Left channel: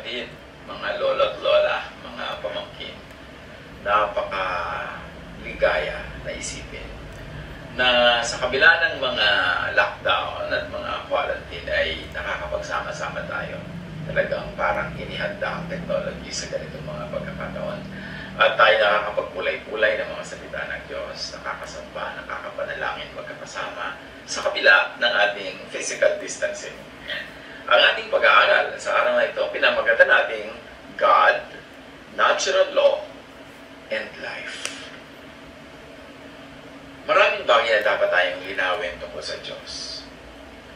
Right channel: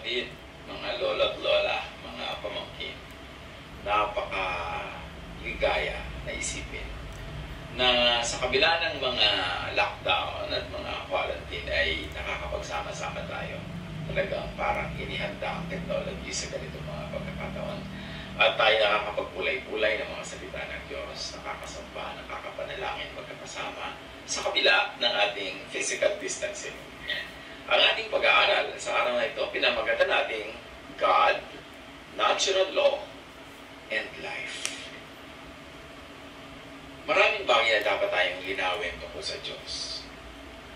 kapatid, mga lolo at lola, mga pamangkin, napaka-ligaya na isipin na sa kabila ng mga lockdown at mga quarantine ay nakakapagsama-sama tayo. Talagang parang inihanda ang technology sa ganitong mga pagkakataon. At tayo nakakapagpulay-pulay ng mga salita ng Diyos, nakakasamba, nakakapanalangin magkakasama sa kabila ng ating physical distancing. Ang ating pag-aaral sa araw na ito, pinamagatan nating God, Natural Law, and Life. Maraming bagay na dapat tayong linawin tungkol sa Diyos.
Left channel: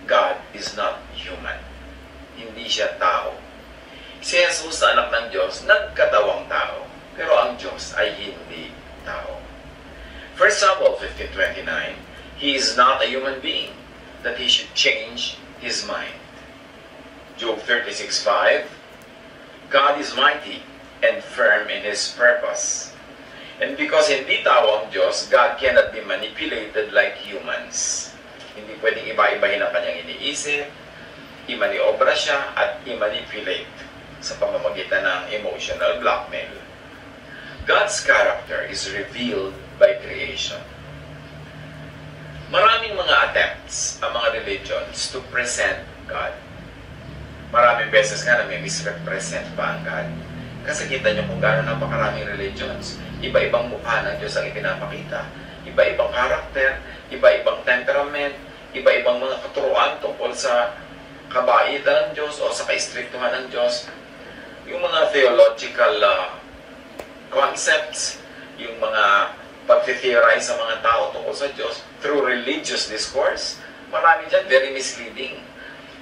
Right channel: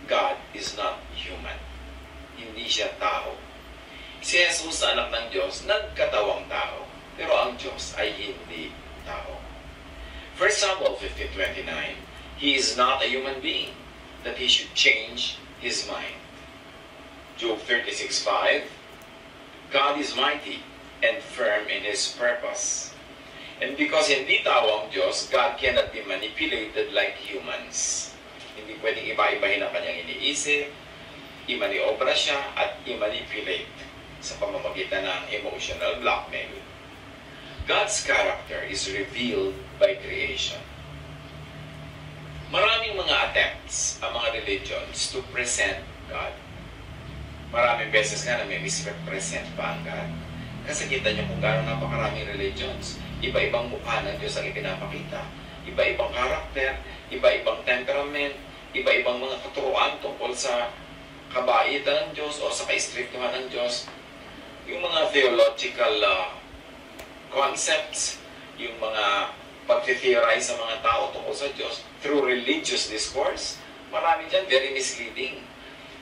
God is not human. Hindi siya tao. Si Jesus, anak ng Diyos, nagkatawang tao. Pero ang Diyos ay hindi tao. 1 Samuel 15:29, He is not a human being that He should change His mind. Job 36:5, God is mighty and firm in His purpose. And because hindi tao ang Diyos, God cannot be manipulated like humans. Hindi pwedeng iba-ibahin ang kanyang iniisip, imaniobra siya, at i-manipulate sa pamamagitan ng emotional blackmail. God's character is revealed by creation. Maraming mga attempts ang mga religions to present God. Maraming beses nga na may misrepresent pa ang God. Kasi kita nyo kung gano'n napakaraming religions, iba-ibang mukha ng Diyos ang ipinapakita. Iba-ibang karakter, iba-ibang temperament, iba-ibang mga katuruan tungkol sa kabaitan ng Diyos o sa kaistriktuhan ng Diyos. Yung mga theological concepts, yung mga pag-theorize sa mga tao tungkol sa Diyos through religious discourse, marami dyan very misleading.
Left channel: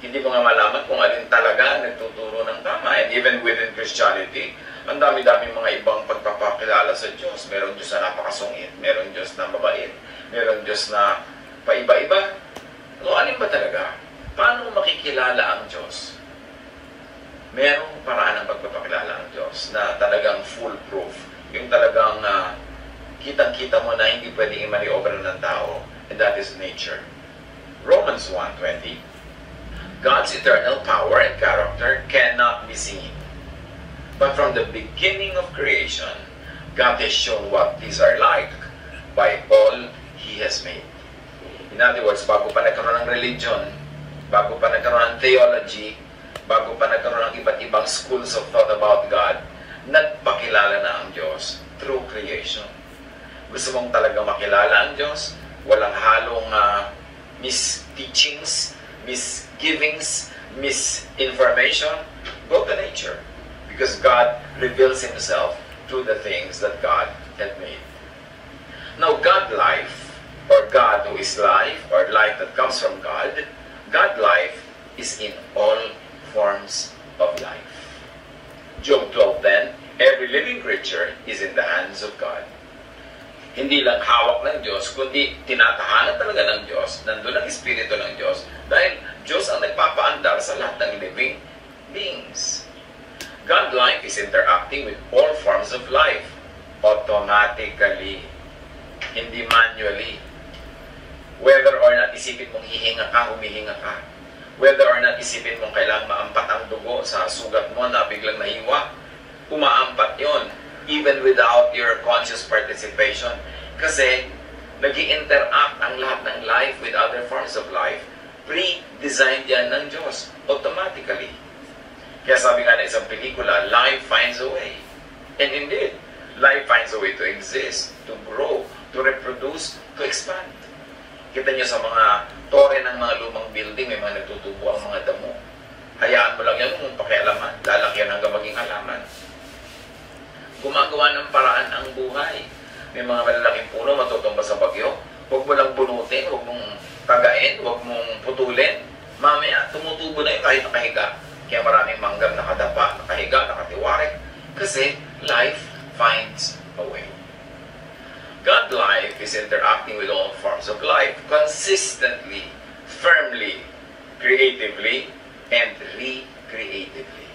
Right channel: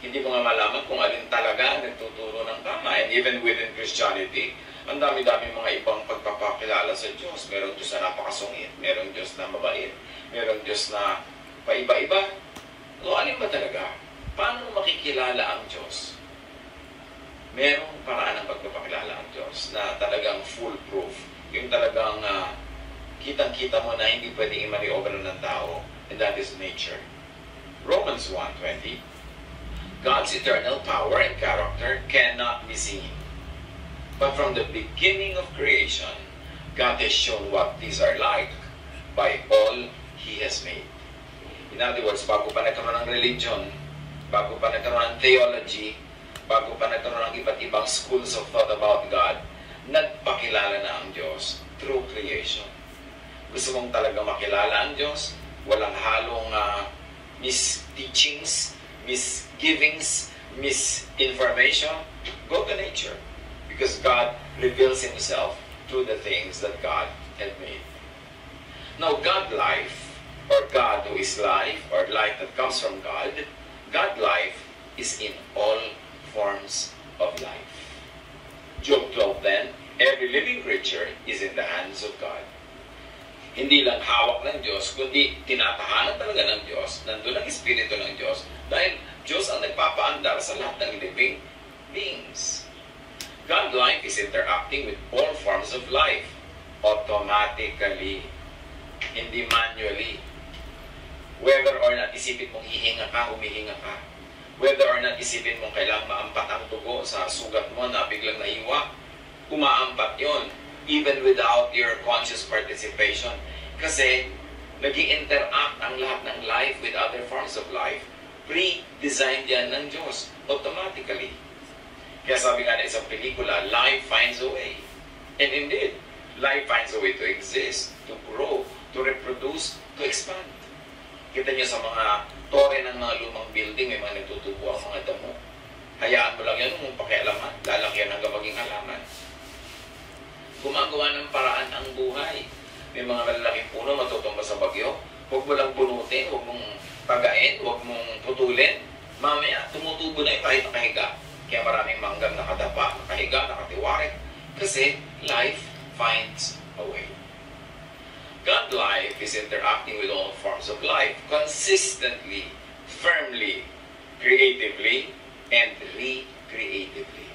Hindi mo nga malaman kung alin talaga nagtuturo ng tama. And even within Christianity, ang dami-dami mga ibang pagpapakilala sa Diyos. Merong Diyos na napakasungit, merong Diyos na mabait, merong Diyos na paiba-iba. So, alin ba talaga? Paano makikilala ang Diyos? Merong paraan ng pagpapakilala ang Diyos na talagang foolproof. Yung talagang kitang-kita mo na hindi pwedeng i-maniover ng tao. And that is nature. Romans 1:20, God's eternal power and character cannot be seen. But from the beginning of creation, God has shown what these are like by all He has made. In other words, bago pa nagkaroon ng religion, bago pa nagkaroon ng theology, bago pa nagkaroon ng iba't ibang schools of thought about God, nagpakilala na ang Diyos through creation. Gusto mong talagang makilala ang Diyos, walang halong misteachings, misgivings, misinformation, go to nature. Because God reveals Himself through the things that God had made. Now, God life, or God who is life, or life that comes from God, God life is in all forms of life. Job 12 then, every living creature is in the hands of God. Hindi lang hawak ng Diyos, kundi tinatahanan talaga ng Diyos, nandun ang Espiritu ng Diyos, dahil Diyos ang nagpapaandar sa lahat ng living beings. God life is interacting with all forms of life, automatically, hindi manually. Whether or not isipin mong hihinga ka, humihinga ka. Whether or not isipin mong kailangan maampat ang dugo sa sugat mo na biglang nahiwa, umaampat yon, even without your conscious participation. Kasi nag-i-interact ang lahat ng life with other forms of life. Pre-designed yan ng Diyos, automatically. Kaya sabi nga na isang pelikula, life finds a way. And indeed, life finds a way to exist, to grow, to reproduce, to expand. Kita nyo sa mga tore ng mga lumang building, may mga nagtutubo ang mga damo. Hayaan mo lang yan kung pakialaman, lalaki yan hanggang maging halaman. Gumagawa ng paraan ang buhay. May mga malalaking puno matutumba sa bagyo. Huwag mo lang bunutin, huwag mong tagain, huwag mong putulin. Mamaya, tumutubo na yung kahit nakahiga. Kaya maraming manggang nakadapa, nakahiga, nakatiwarik. Kasi life finds a way. God life is interacting with all forms of life consistently, firmly, creatively, and recreatively.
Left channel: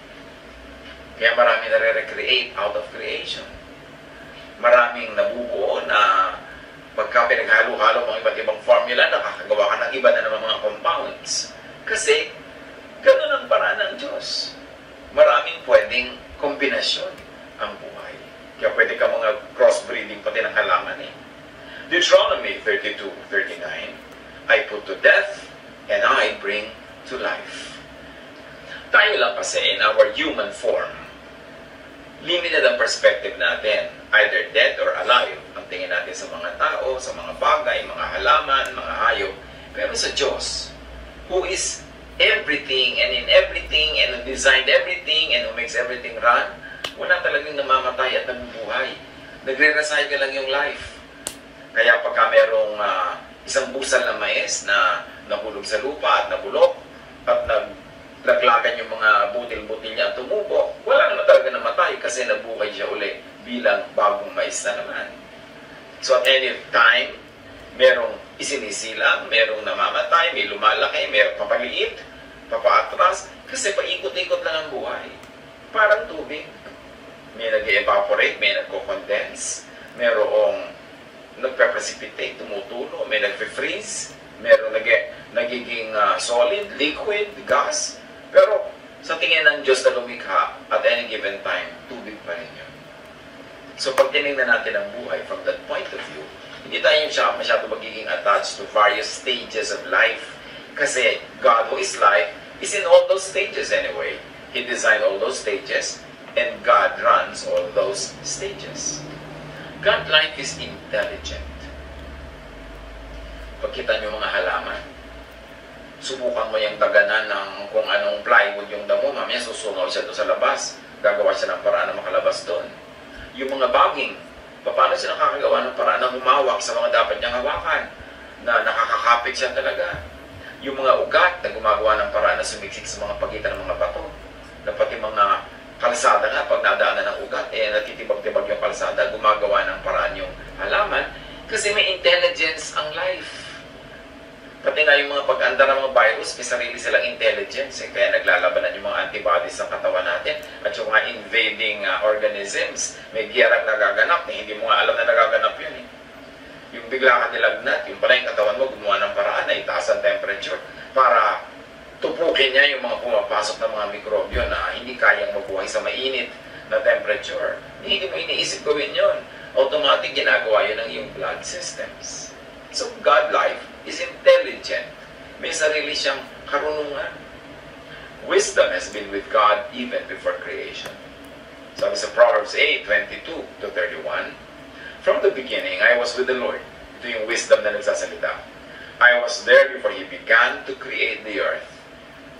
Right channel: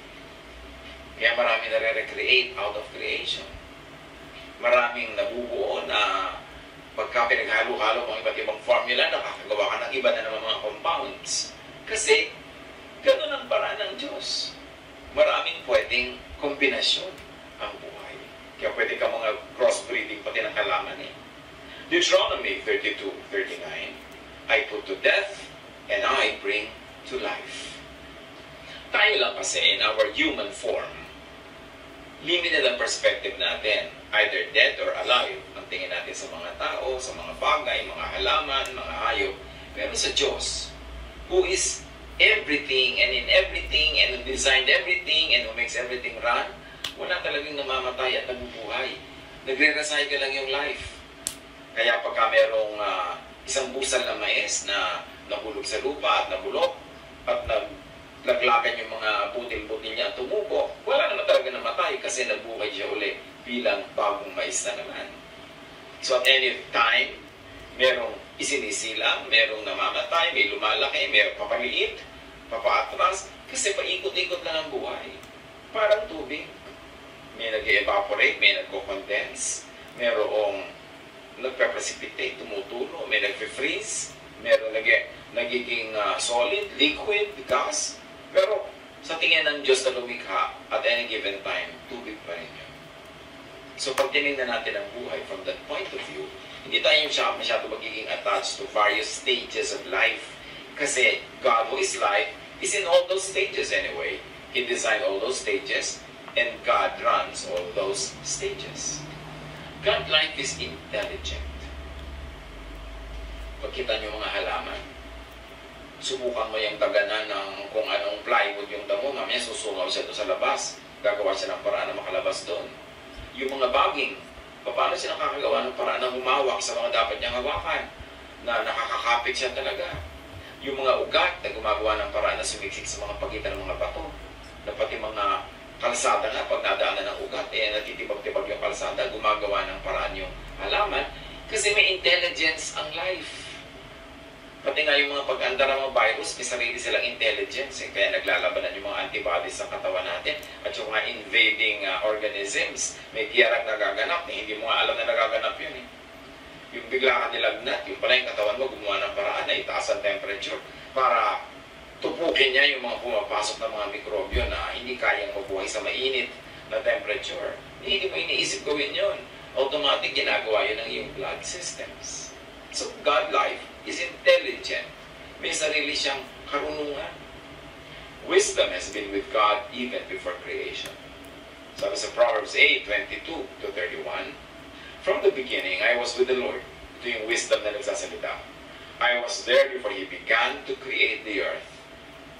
Kaya marami nare-recreate out of creation. Maraming nabubuo na pagka pinaghalo-halo mga iba't ibang formula, nakakagawa ka ng iba na naman mga compounds. Kasi, ganun ang paraan ng Diyos. Maraming pwede pwedeng kombinasyon ang buhay. Kaya pwede ka mga crossbreeding pati ng halaman eh. Deuteronomy 32:39, I put to death and I bring to life. Tayo lang kasi in our human form, limited ang perspective natin, either dead or alive. Ang tingin natin sa mga tao, sa mga bagay, mga halaman, mga hayop. Pero sa Diyos, who is everything and in everything and who designed everything and who makes everything run, wala talagang namamatay at nabubuhay. Nagre-recycle lang yung life. Kaya pagka merong isang busal na mais na nahulog sa lupa at nabulok at naglaglagan yung mga butil-butil niya at tumubo, wala naman talaga namatay kasi nabuhay siya uli bilang bagong mais na naman. So at any time, merong isinisilang, merong namamatay, may lumalaki, may papaliit, papaatras, kasi paikot-ikot lang ang buhay. Parang tubig. May nag-evaporate, may nagko-condense, merong nagpe-precipitate, tumutulo, may nagpe-freeze, merong nagiging solid, liquid, gas. Pero sa tingin ng Diyos na lumikha, at any given time, tubig pa rin yun. So pag tinignan natin ang buhay from that point of view, hindi tayo masyado magiging attached to various stages of life. Kasi God who is life is in all those stages anyway. He designed all those stages and God runs all those stages. God life is intelligent. Pagkita nyo mga halaman, subukan mo yung taganan ng kung anong plywood yung damo, mamaya susungaw siya doon sa labas. Gagawa siya ng paraan na makalabas doon. Yung mga baging, paano siya nakakagawa ng paraan na humawak sa mga dapat niyang hawakan, na nakakakapit siya talaga. Yung mga ugat na gumagawa ng paraan na sumiksik sa mga pagitan ng mga bato, na pati mga kalsada nga, pag nadaanan ng ugat, natitibag-tibag yung kalsada, gumagawa ng paraan yung halaman, kasi may intelligence ang life. Pati nga yung mga pag-andar ng mga virus, may sarili silang intelligence. Kaya naglalabanan yung mga antibodies sa katawan natin. At yung mga invading organisms, may giyarang nagaganap. Hindi mo nga alam na nagaganap yun. Yung bigla ka nilagnat, yung pala yung katawan mo, gumawa ng paraan na itaas ang temperature para tupukin niya yung mga pumapasok ng mga mikrobyo na hindi kayang mabuhay sa mainit na temperature. Hindi mo iniisip gawin yun. Automatic ginagawa yun ng iyong blood systems. So, God life is intelligent. May sarili siyang karunungan. Wisdom has been with God even before creation. Sabi sa Proverbs 8:22-31, from the beginning, I was with the Lord. Ito yung wisdom na nagsasalita. I was there before He began to create the earth.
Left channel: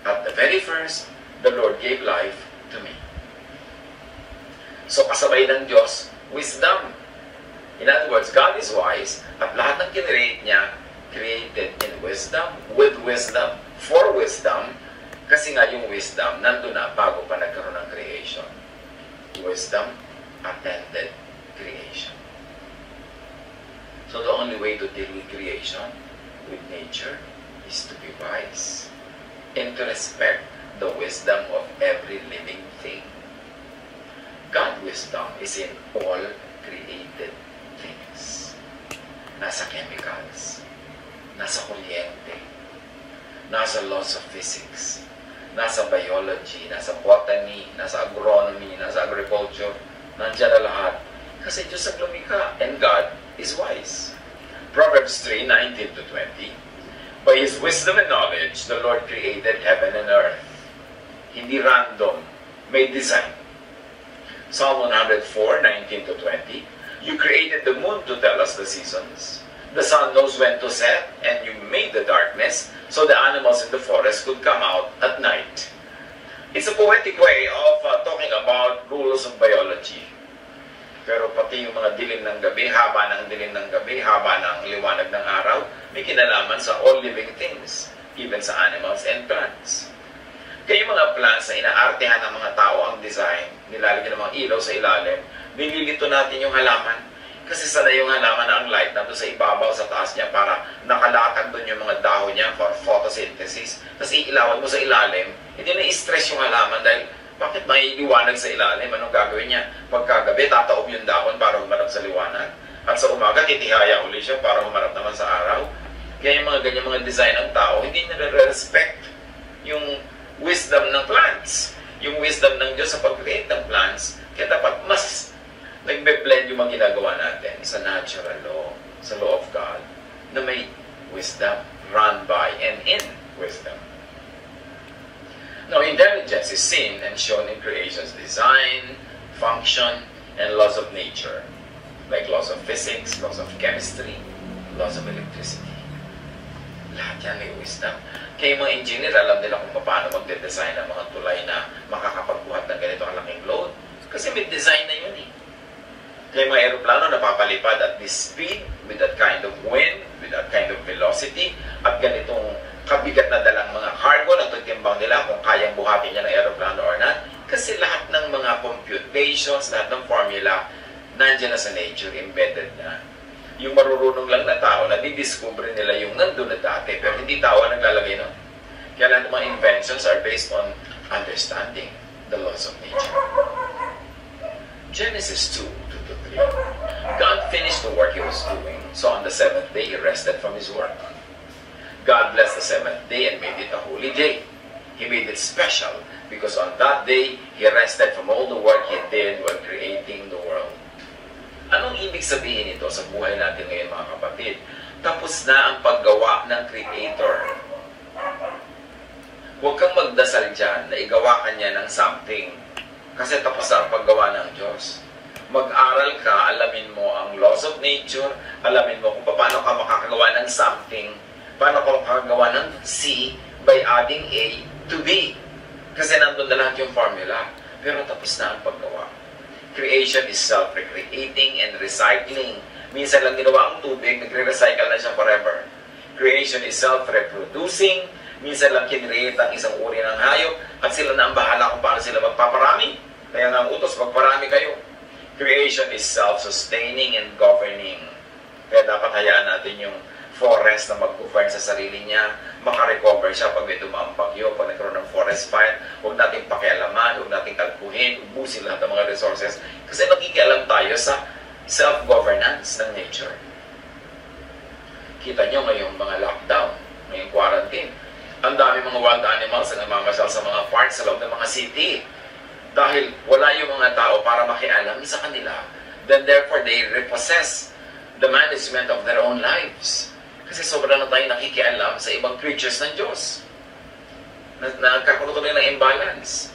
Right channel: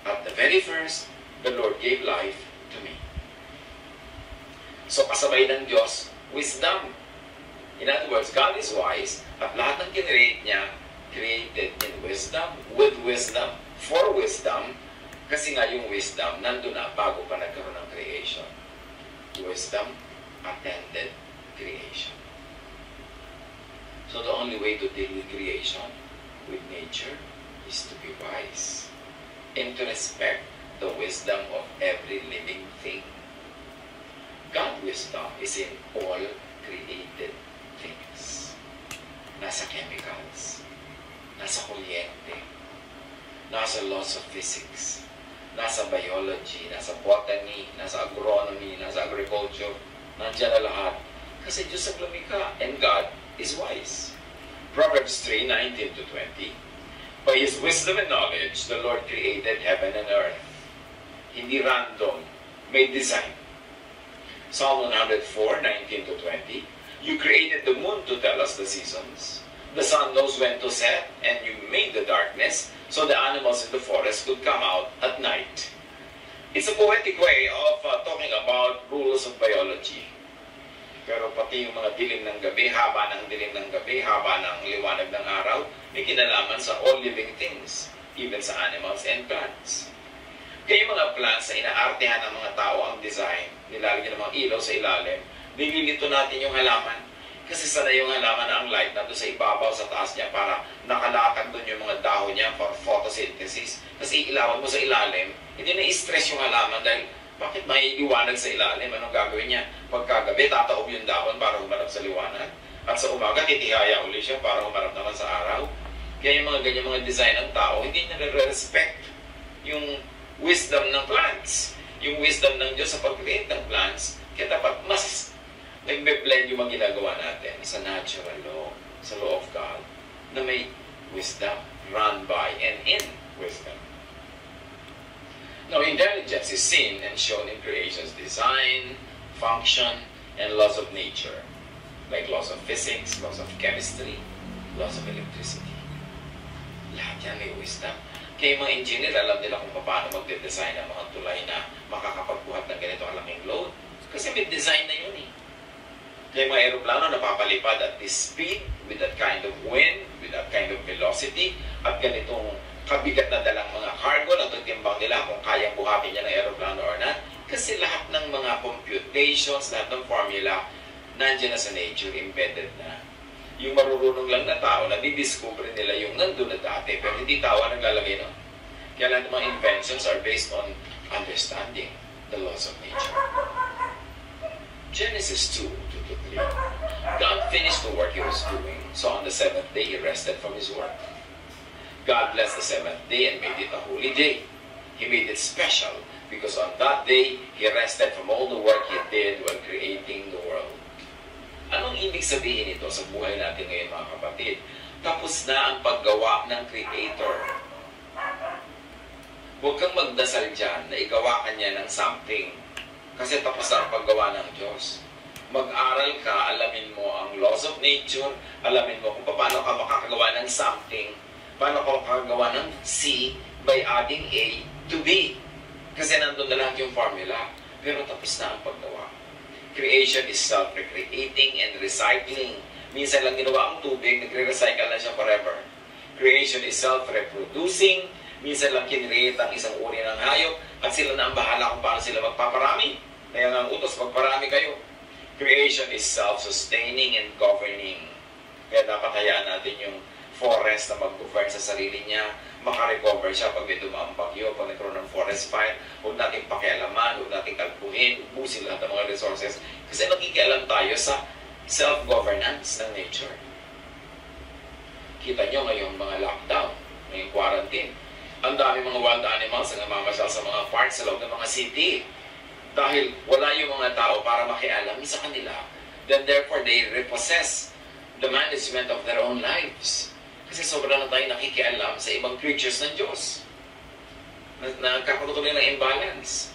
At the very first, the Lord gave life to me. So, kasabay ng Diyos, wisdom. In other words, God is wise, at lahat ng kinreate niya, created in wisdom, with wisdom, for wisdom, kasi nga yung wisdom, nandun na bago pa nagkaroon ng creation. Wisdom attended creation. So the only way to deal with creation, with nature, is to be wise and to respect the wisdom of every living thing. God's wisdom is in all created things. Nasa chemicals, nasa kuryente, nasa laws of physics, nasa biology, nasa botany, nasa agronomy, nasa agriculture, nandiyan na lahat. Kasi Diyos ang lumikha, and God is wise. Proverbs 3:19-20, by His wisdom and knowledge, the Lord created heaven and earth. Hindi random, may design. Psalm 104:19-20, you created the moon to tell us the seasons. The sun knows when to set, and you made the darkness so the animals in the forest could come out at night. It's a poetic way of talking about rules of biology. Pero pati yung mga dilim ng gabi, haba ng dilim ng gabi, haba ng liwanag ng araw, may kinalaman sa all living things, even sa animals and plants. Kaya yung mga plants na inaartehan ng mga tao ang design, nilalagyan ng mga ilaw sa ilalim, nililito natin yung halaman. Kasi sana yung halaman na ang light nandun sa ibabaw, sa taas niya, para nakalatag doon yung mga dahon niya for photosynthesis. Tapos iilawan mo sa ilalim, hindi na i-stress yung halaman dahil bakit may liwanag sa ilalim? Anong gagawin niya? Pagkagabi, tataob yung dahon para humarap sa liwanag. At sa umaga, titihaya uli siya para humarap naman sa araw. Kaya yung mga ganyan mga design ng tao, hindi nire-respect yung wisdom ng plants. yung wisdom ng Diyos sa pag-create ng plants. Kaya dapat mas nagbe-blend yung mga ginagawa natin sa natural law, sa law of God, na may wisdom, run by and in wisdom. Now, intelligence is seen and shown in creation's design, function, and laws of nature, like laws of physics, laws of chemistry, laws of electricity. Lahat yan may wisdom. Kaya mga engineer, alam nila kung paano magde-design ng mga tulay na makakapagbuhat ng ganito kalaking load. Kasi may design na yun eh. Kaya mga aeroplano napapalipad at this speed, with that kind of wind, with that kind of velocity, at ganitong kabigat na dalang mga cargo na tutimbang nila kung kayang buhatin niya ng aeroplano or not. Kasi lahat ng mga computations, lahat ng formula, nandiyan na sa nature, embedded na. Yung marurunong lang na tao, nadidiscover nila yung nandun na dati, pero hindi tao ang naglalagay nun. Kaya lahat ng mga inventions are based on understanding the laws of nature. Genesis 2:2-3. God finished the work He was doing, so on the seventh day He rested from His work. God blessed the seventh day and made it a holy day. He made it special because on that day He rested from all the work He did while creating the world. Anong ibig sabihin nito sa buhay natin ngayon, mga kapatid? Tapos na ang paggawa ng Creator. Huwag kang magdasal dyan na igawa ka niya ng something. Kasi tapos na ang paggawa ng Diyos. Mag-aral ka, alamin mo ang laws of nature, alamin mo kung paano ka makakagawa ng something, paano ka makakagawa ng C by adding A to B. Kasi nandun na lahat yung formula. Pero tapos na ang paggawa. Creation is self-recreating and recycling. Minsan lang ginawa ang tubig, nagre-recycle na siya forever. Creation is self-reproducing. Minsan lang kinreate ang isang uri ng hayop at sila na ang bahala kung paano sila magpaparami. Kaya nga ang utos, magparami kayo. Creation is self-sustaining and governing. Kaya dapat hayaan natin yung forest na mag-govern sa sarili niya, makarecover siya pag may dumaang bagyo, pag nagkaroon ng forest fire. Huwag natin pakialaman, huwag natin kalkuhin, ubusin lahat ng mga resources. Kasi nakikialam tayo sa self-governance ng nature. Kita nyo ngayong mga lockdown, ngayong quarantine. Ang dami mga wild animals na namamasyal sa mga parks sa loob ng mga city. Dahil wala yung mga tao para makialam sa kanila. Then therefore, they repossess the management of their own lives. Kasi sobrang na tayo nakikialam sa ibang creatures ng Diyos. Nagkakaroon tuloy ng imbalance.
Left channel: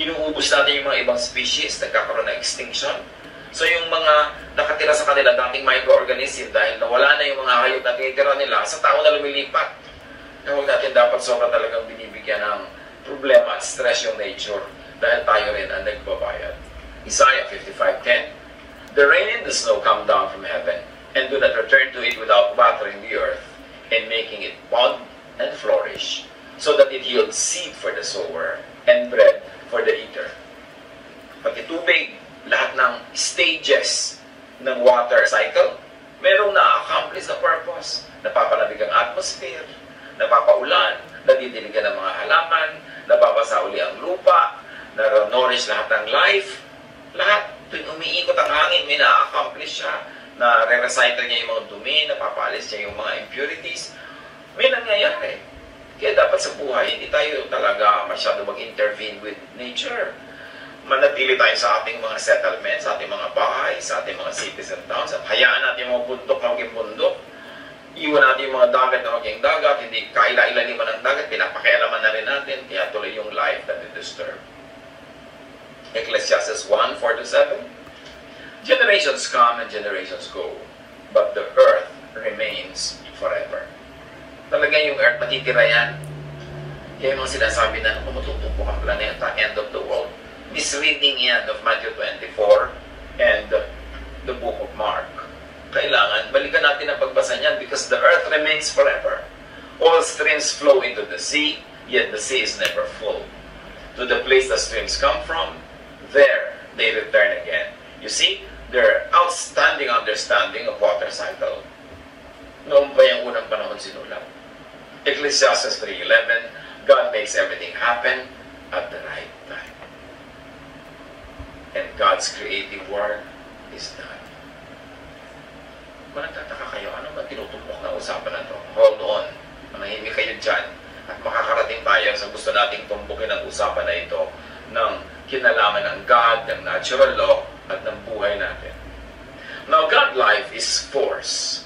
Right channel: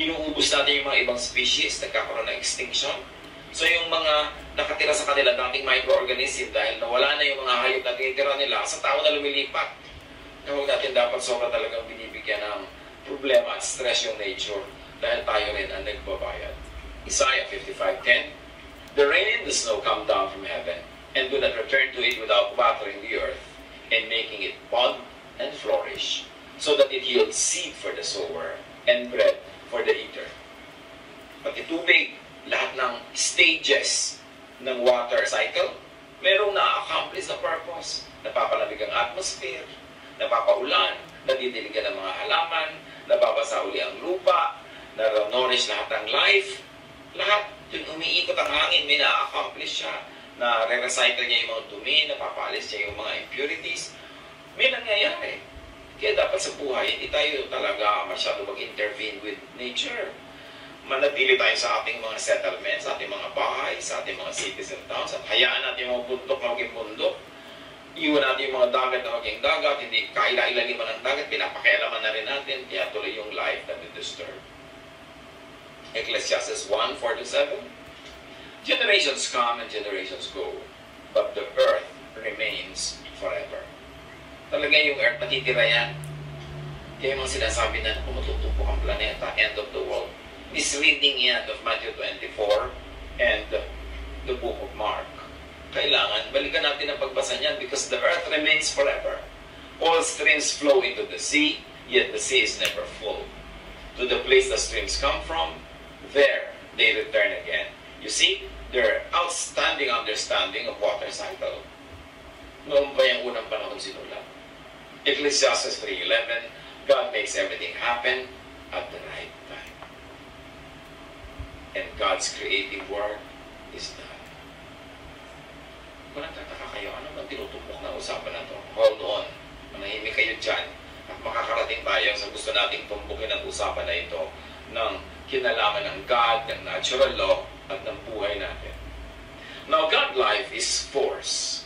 Inuubos natin yung mga ibang species, nagkakaroon ng extinction. So yung mga nakatira sa kanila, dating microorganism, dahil nawala na yung mga hayop na tinitira nila, sa tao na lumilipat. Kaya huwag natin dapat sobra talagang binibigyan ng problema at stress yung nature dahil tayo rin ang nagbabayad. Isaiah 55:10. The rain and the snow come down from heaven and do not return to it without watering the earth and making it bud and flourish, so that it yields seed for the sower and bread for the eater. Pati tubig, lahat ng stages ng water cycle, merong na-accomplish na purpose. Napapalamig ang atmosphere, napapaulan, nadidiligan ng mga halaman, nababasa uli ang lupa, na-nourish lahat ng life. Lahat, tuwing umiikot ang hangin, may na-accomplish siya, na re-recycle niya yung mga dumi, napapaalis niya yung mga impurities. May nangyayari. Kaya dapat sa buhay, hindi tayo talaga masyado mag-intervene with nature. Manatili tayo sa ating mga settlements, sa ating mga bahay, sa ating mga cities and towns, at hayaan natin yung mga bundok na maging bundok. Iwan natin yung mga dagat na maging dagat, hindi kaila-ilalim ng dagat, pinapakialaman na rin natin, kaya tuloy yung life that we disturb. Ecclesiastes 1:4-7. Generations come and generations go, but the earth remains forever. Talaga yung earth, matitira yan. Kaya yung mga sinasabi na tumututumpok ang planeta, end of the world. Misreading yan of Matthew 24 and the book of Mark. Kailangan, balikan natin ang pagbasa niyan because the earth remains forever. All streams flow into the sea, yet the sea is never full. To the place the streams come from, there they return again. You see, their outstanding understanding of water cycle. Noong ba yung unang panahon sinulat? Ecclesiastes 3:11, God makes everything happen at the right time. And God's creative work is done. Kung nagtataka kayo, ano ba tinutumpok na usapan na ito? Hold on, manahimik kayo dyan. At makakarating tayo sa gusto nating tumbukin ang usapan na ito. ng kinalaman ng God, ng natural law, at ng buhay natin. Now, God life is force.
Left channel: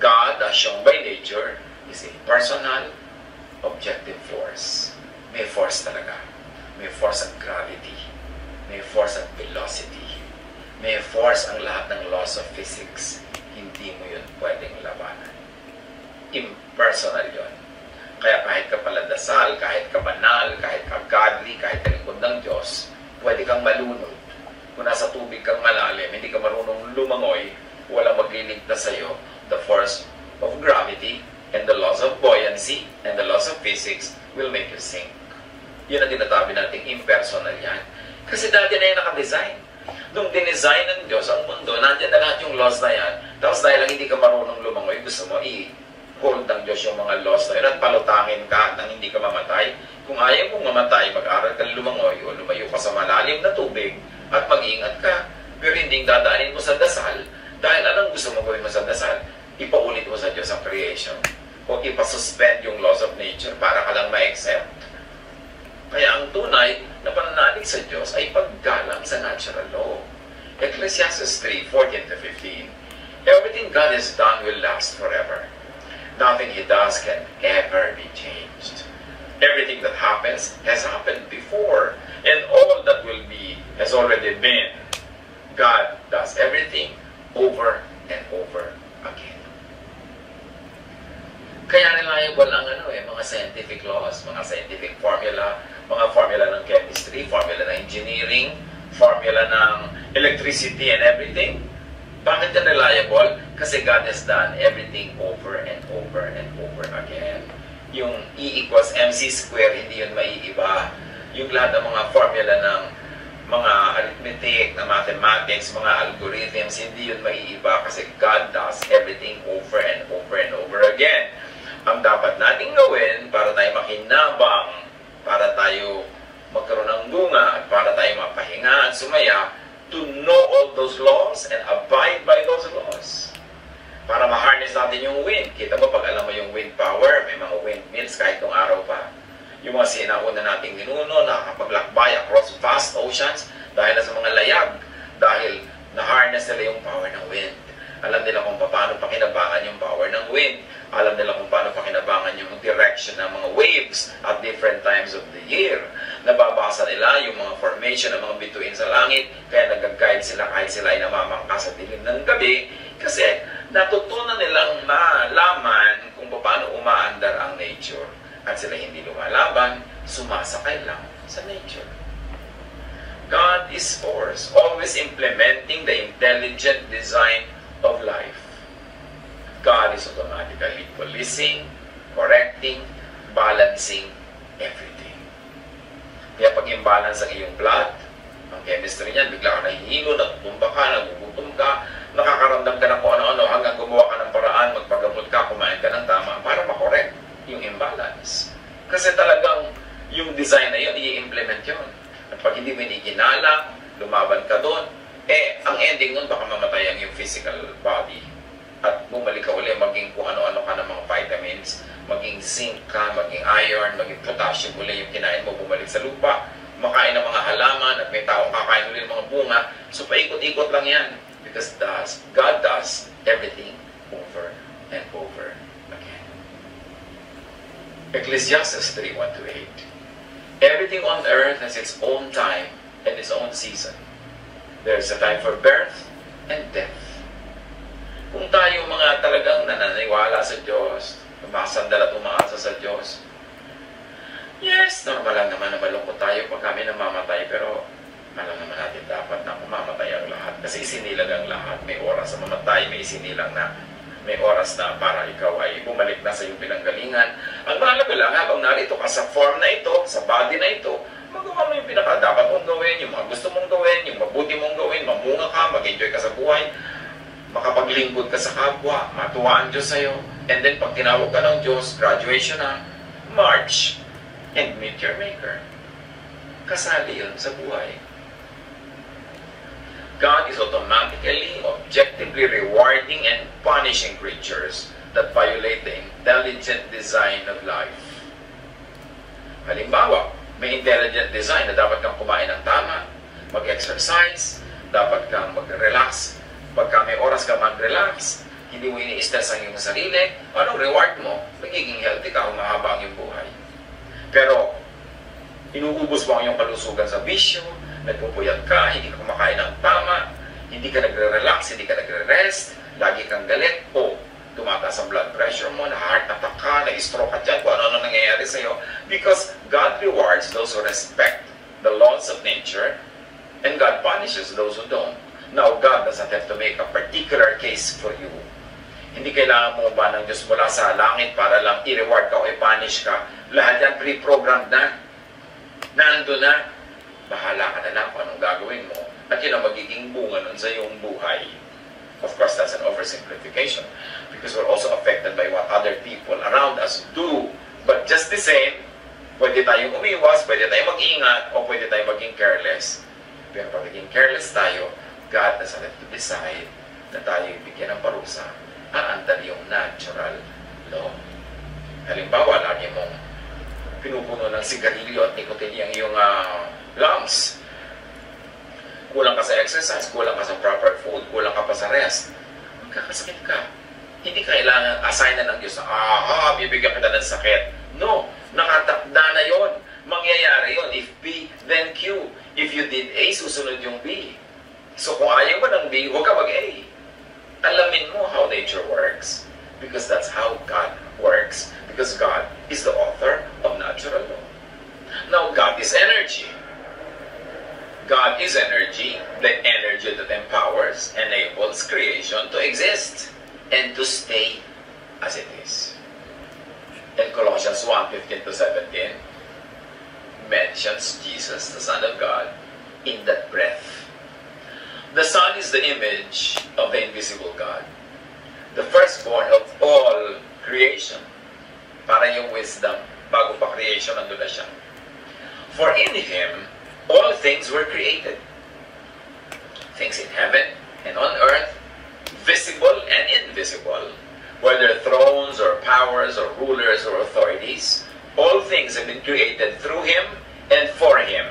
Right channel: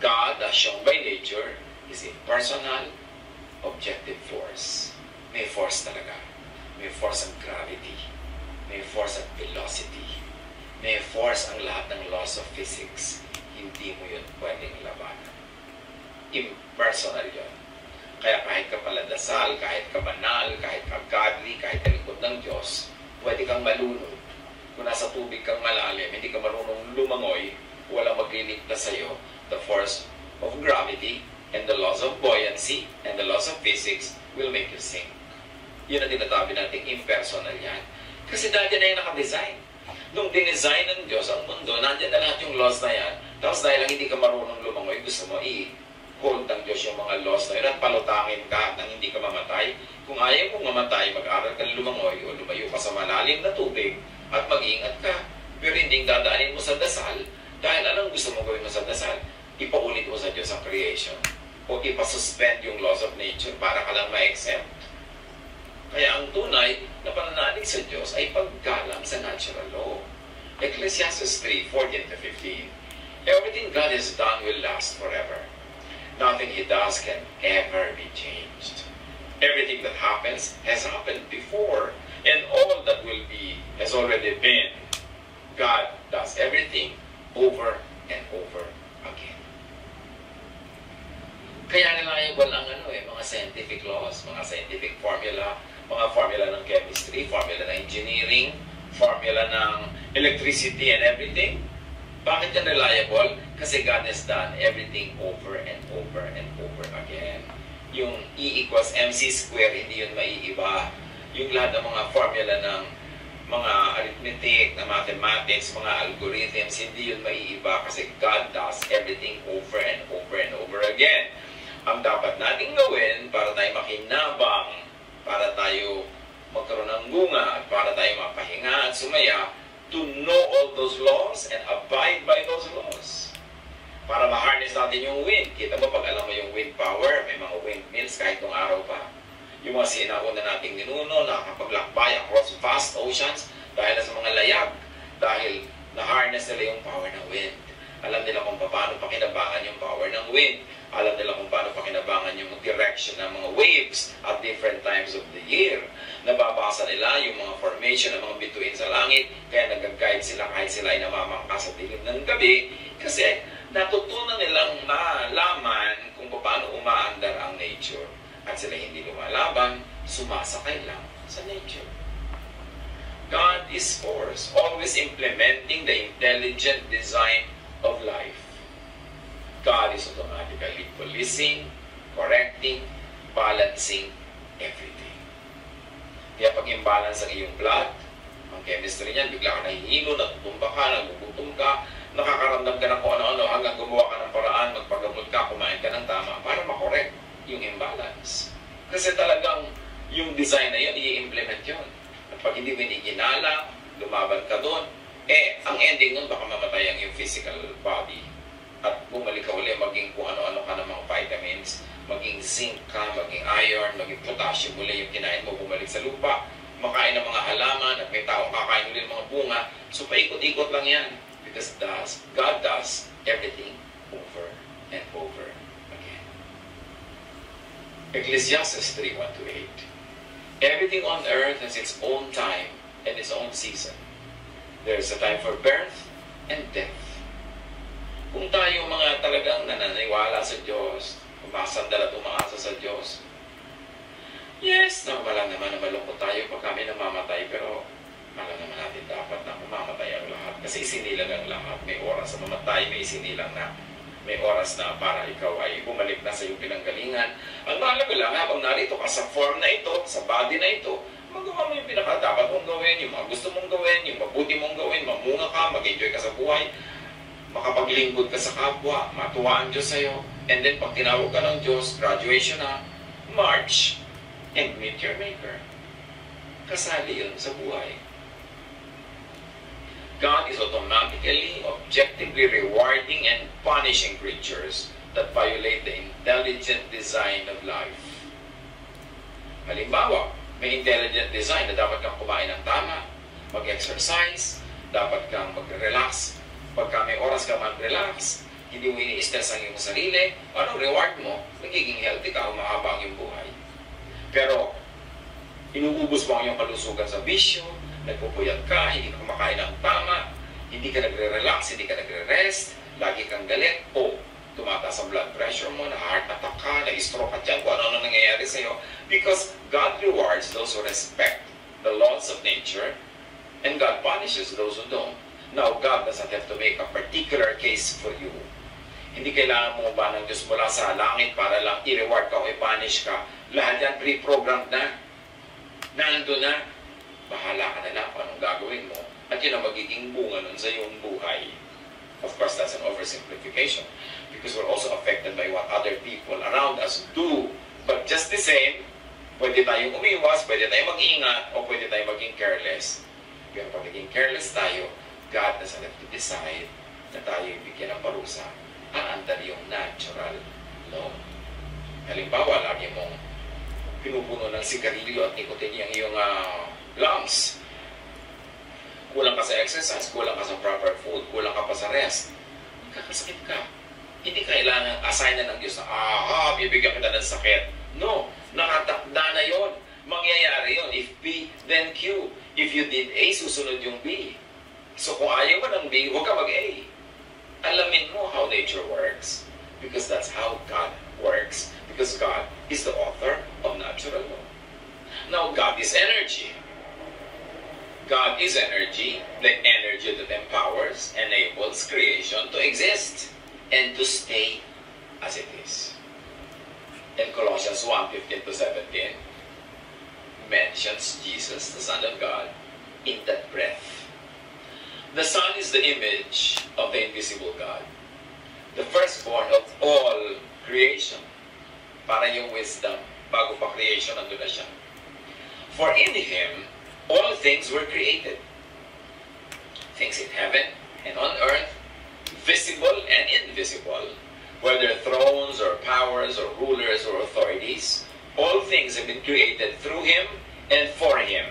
God, as shown by nature, is a personal, objective force. May force talaga. May force ang gravity. May force ang velocity. May force ang lahat ng laws of physics. Hindi mo yun pwedeng labanan. Impersonal yun. Kaya kahit ka paladasal, kahit ka banal, kahit ka godly, kahit ka lingkod ng Diyos, pwede kang malunod. Kung nasa tubig kang malalim, hindi ka marunong lumangoy, walang magliligtas sa'yo. The force of gravity and the laws of buoyancy and the laws of physics will make you sink. Yun ang tinatabi natin, impersonal yan. Kasi dati na yung nakadesign. Nung dinesign ng Diyos ang mundo, nandiyan na lahat yung laws na yan. Tapos dahil lang hindi ka marunong lumangoy, gusto mo i-hold ng Diyos yung mga laws na yun at palutangin ka nang hindi ka mamatay. Kung ayaw mong mamatay, mag-aral ka lumangoy o lumayo ka sa malalim na tubig at mag-iingat ka. Pero hindi dadaanin mo sa dasal dahil anong gusto mo gawin mo sa dasal? Ipaulit mo sa Diyos ang creation o ipasuspend yung laws of nature para ka lang ma-exempt. Kaya ang tunay na pananalig sa Diyos ay paggalang sa natural law. Ecclesiastes 3:14-15. Everything God has done will last forever. Nothing He does can ever be changed. Everything that happens has happened before, and all that will be has already been. God does everything over and over again. Kaya reliable ang mga scientific laws, mga scientific formula, mga formula ng chemistry, formula ng engineering, formula ng electricity and everything. Bakit yan reliable? Kasi God has done everything over and over and over again. Yung E equals mc square, hindi yun maiiba. Yung lahat ng mga formula ng mga arithmetic, na mathematics, mga algorithms, hindi yun maiiba kasi God does everything over and over and over again. Ang dapat nating gawin para tayo makinabang, para tayo magkaroon ng bunga, para tayo mapahinga at sumaya, to know all those laws and abide by those laws. Para ma-harness natin yung wind. Kita mo, pag alam mo yung wind power, may mga windmills kahit nung araw pa. Yung mga sinauna nating ninuno, nakakapaglakbay across vast oceans dahil sa mga layag, dahil na-harness nila yung power ng wind. Alam nila kung paano pakinabangan yung power ng wind. Alam nila kung paano pakinabangan yung direction ng mga waves at different times of the year. Nababasa nila yung mga formation ng mga bituin sa langit, kaya nag-guide sila kahit sila ay namamangka sa dilim ng gabi, kasi natutunan nilang malaman kung paano umaandar ang nature. At sila hindi lumalaban, sumasakay lang sa nature. God is force, always implementing the intelligent design of life. God is automatically policing, correcting, balancing everything. Kaya pag imbalance ang iyong blood, ang chemistry niyan, bigla ka nahihilo, natutumba ka, nagugutom ka, nakakaramdam ka ng kung ano-ano, hanggang gumawa ka ng paraan, magpagamot ka, kumain ka ng tama, para makorek yung imbalance. Kasi talagang yung design na yun, i-implement yun. At pag hindi mo ginala, lumaban ka doon, ang ending nun, baka mamatay ang yung physical body. At bumalik ka uli, maging kung ano-ano ka ng mga vitamins, maging zinc ka, maging iron, maging potassium uli yung kinain mo, bumalik sa lupa, makain ng mga halaman, at may taong kakain uli ng mga bunga. So paikot-ikot lang yan. Because God does everything over and over again. Ecclesiastes 3:1-8. Everything on earth has its own time and its own season. There is a time for birth and death. Kung tayo mga talagang nananiwala sa Diyos, umasandal at umaasa sa Diyos, yes, normal lang naman na malungkot tayo pag kami namamatay, pero alam naman natin dapat na mamamatay ang lahat. Kasi isinilang ang lahat. May oras na mamatay, may isinilang na. May oras na para ikaw ay bumalik na sa iyong pinanggalingan. Ang mahalaga lang, habang narito ka sa form na ito, sa body na ito, magawa mo yung pinaka-dapat mong gawin, yung mga gusto mong gawin, yung mabuti mong gawin, mamunga ka, mag-enjoy ka sa buhay, makapaglingkod ka sa kapwa, matuwa ang Diyos sa'yo. And then pag tinawag ka ng Diyos, graduation na, march and meet your Maker. Kasali yun sa buhay. God is automatically, objectively rewarding and punishing creatures that violate the intelligent design of life. Halimbawa, May intelligent design na dapat kang kumain ng tama, mag-exercise, dapat kang mag-relax. Pagka may oras ka mag-relax, hindi mo ini-stress ang iyong sarili, anong reward mo? Magiging healthy ka, humahaba ang iyong buhay. Pero, inuubos mo ang iyong kalusugan sa bisyo, nagpupuyat ka, hindi ka kumakain ng tama, hindi ka nagre-relax, hindi ka nagre-rest, lagi kang galit, o tumataas ang blood pressure mo, na-heart attack ka, na-stroke ka dyan, kung ano nangyayari sa'yo. Because God rewards those who respect the laws of nature, and God punishes those who don't. Now, God doesn't have to make a particular case for you. Hindi kailangan mo ba ng Diyos mula sa langit para lang i-reward ka o i-punish ka. Lahat yan pre-programmed na. Nandun na. Bahala ka na lang kung anong gagawin mo. At yun ang magiging bunga nun sa iyong buhay. Of course, that's an oversimplification because we're also affected by what other people around us do. But just the same, pwede tayong umiwas, pwede tayong mag-ingat, o pwede tayong maging careless. Pero pag maging careless tayo, God doesn't have to decide na tayo bigyan ng parusa. Aandar yung natural law. Halimbawa, lagi mong pinupuno ng sigarilyo at nicotine ang iyong lungs. Kulang ka sa exercise, kulang ka sa proper food, kulang ka pa sa rest, magkakasakit ka. Hindi kailangan assignan ng Diyos na, bibigyan kita ng sakit. No, nakatakda na yon. Mangyayari yon. If B, then Q. If you did A, susunod yung B. So kung ayaw mo ng B, huwag ka mag-A. Alamin mo how nature works. Because that's how God works. Because God is the author of natural law. Now, God is energy. God is energy, the energy that empowers, enables creation to exist and to stay as it is. In Colossians 1:15-17, mentions Jesus, the Son of God, in that breath. The Son is the image of the invisible God, the firstborn of all creation. Para yung wisdom, bago pa creation, nandun na siya. For in Him, all things were created. Things in heaven and on earth, visible and invisible, whether thrones or powers or rulers or authorities, all things have been created through Him and for Him.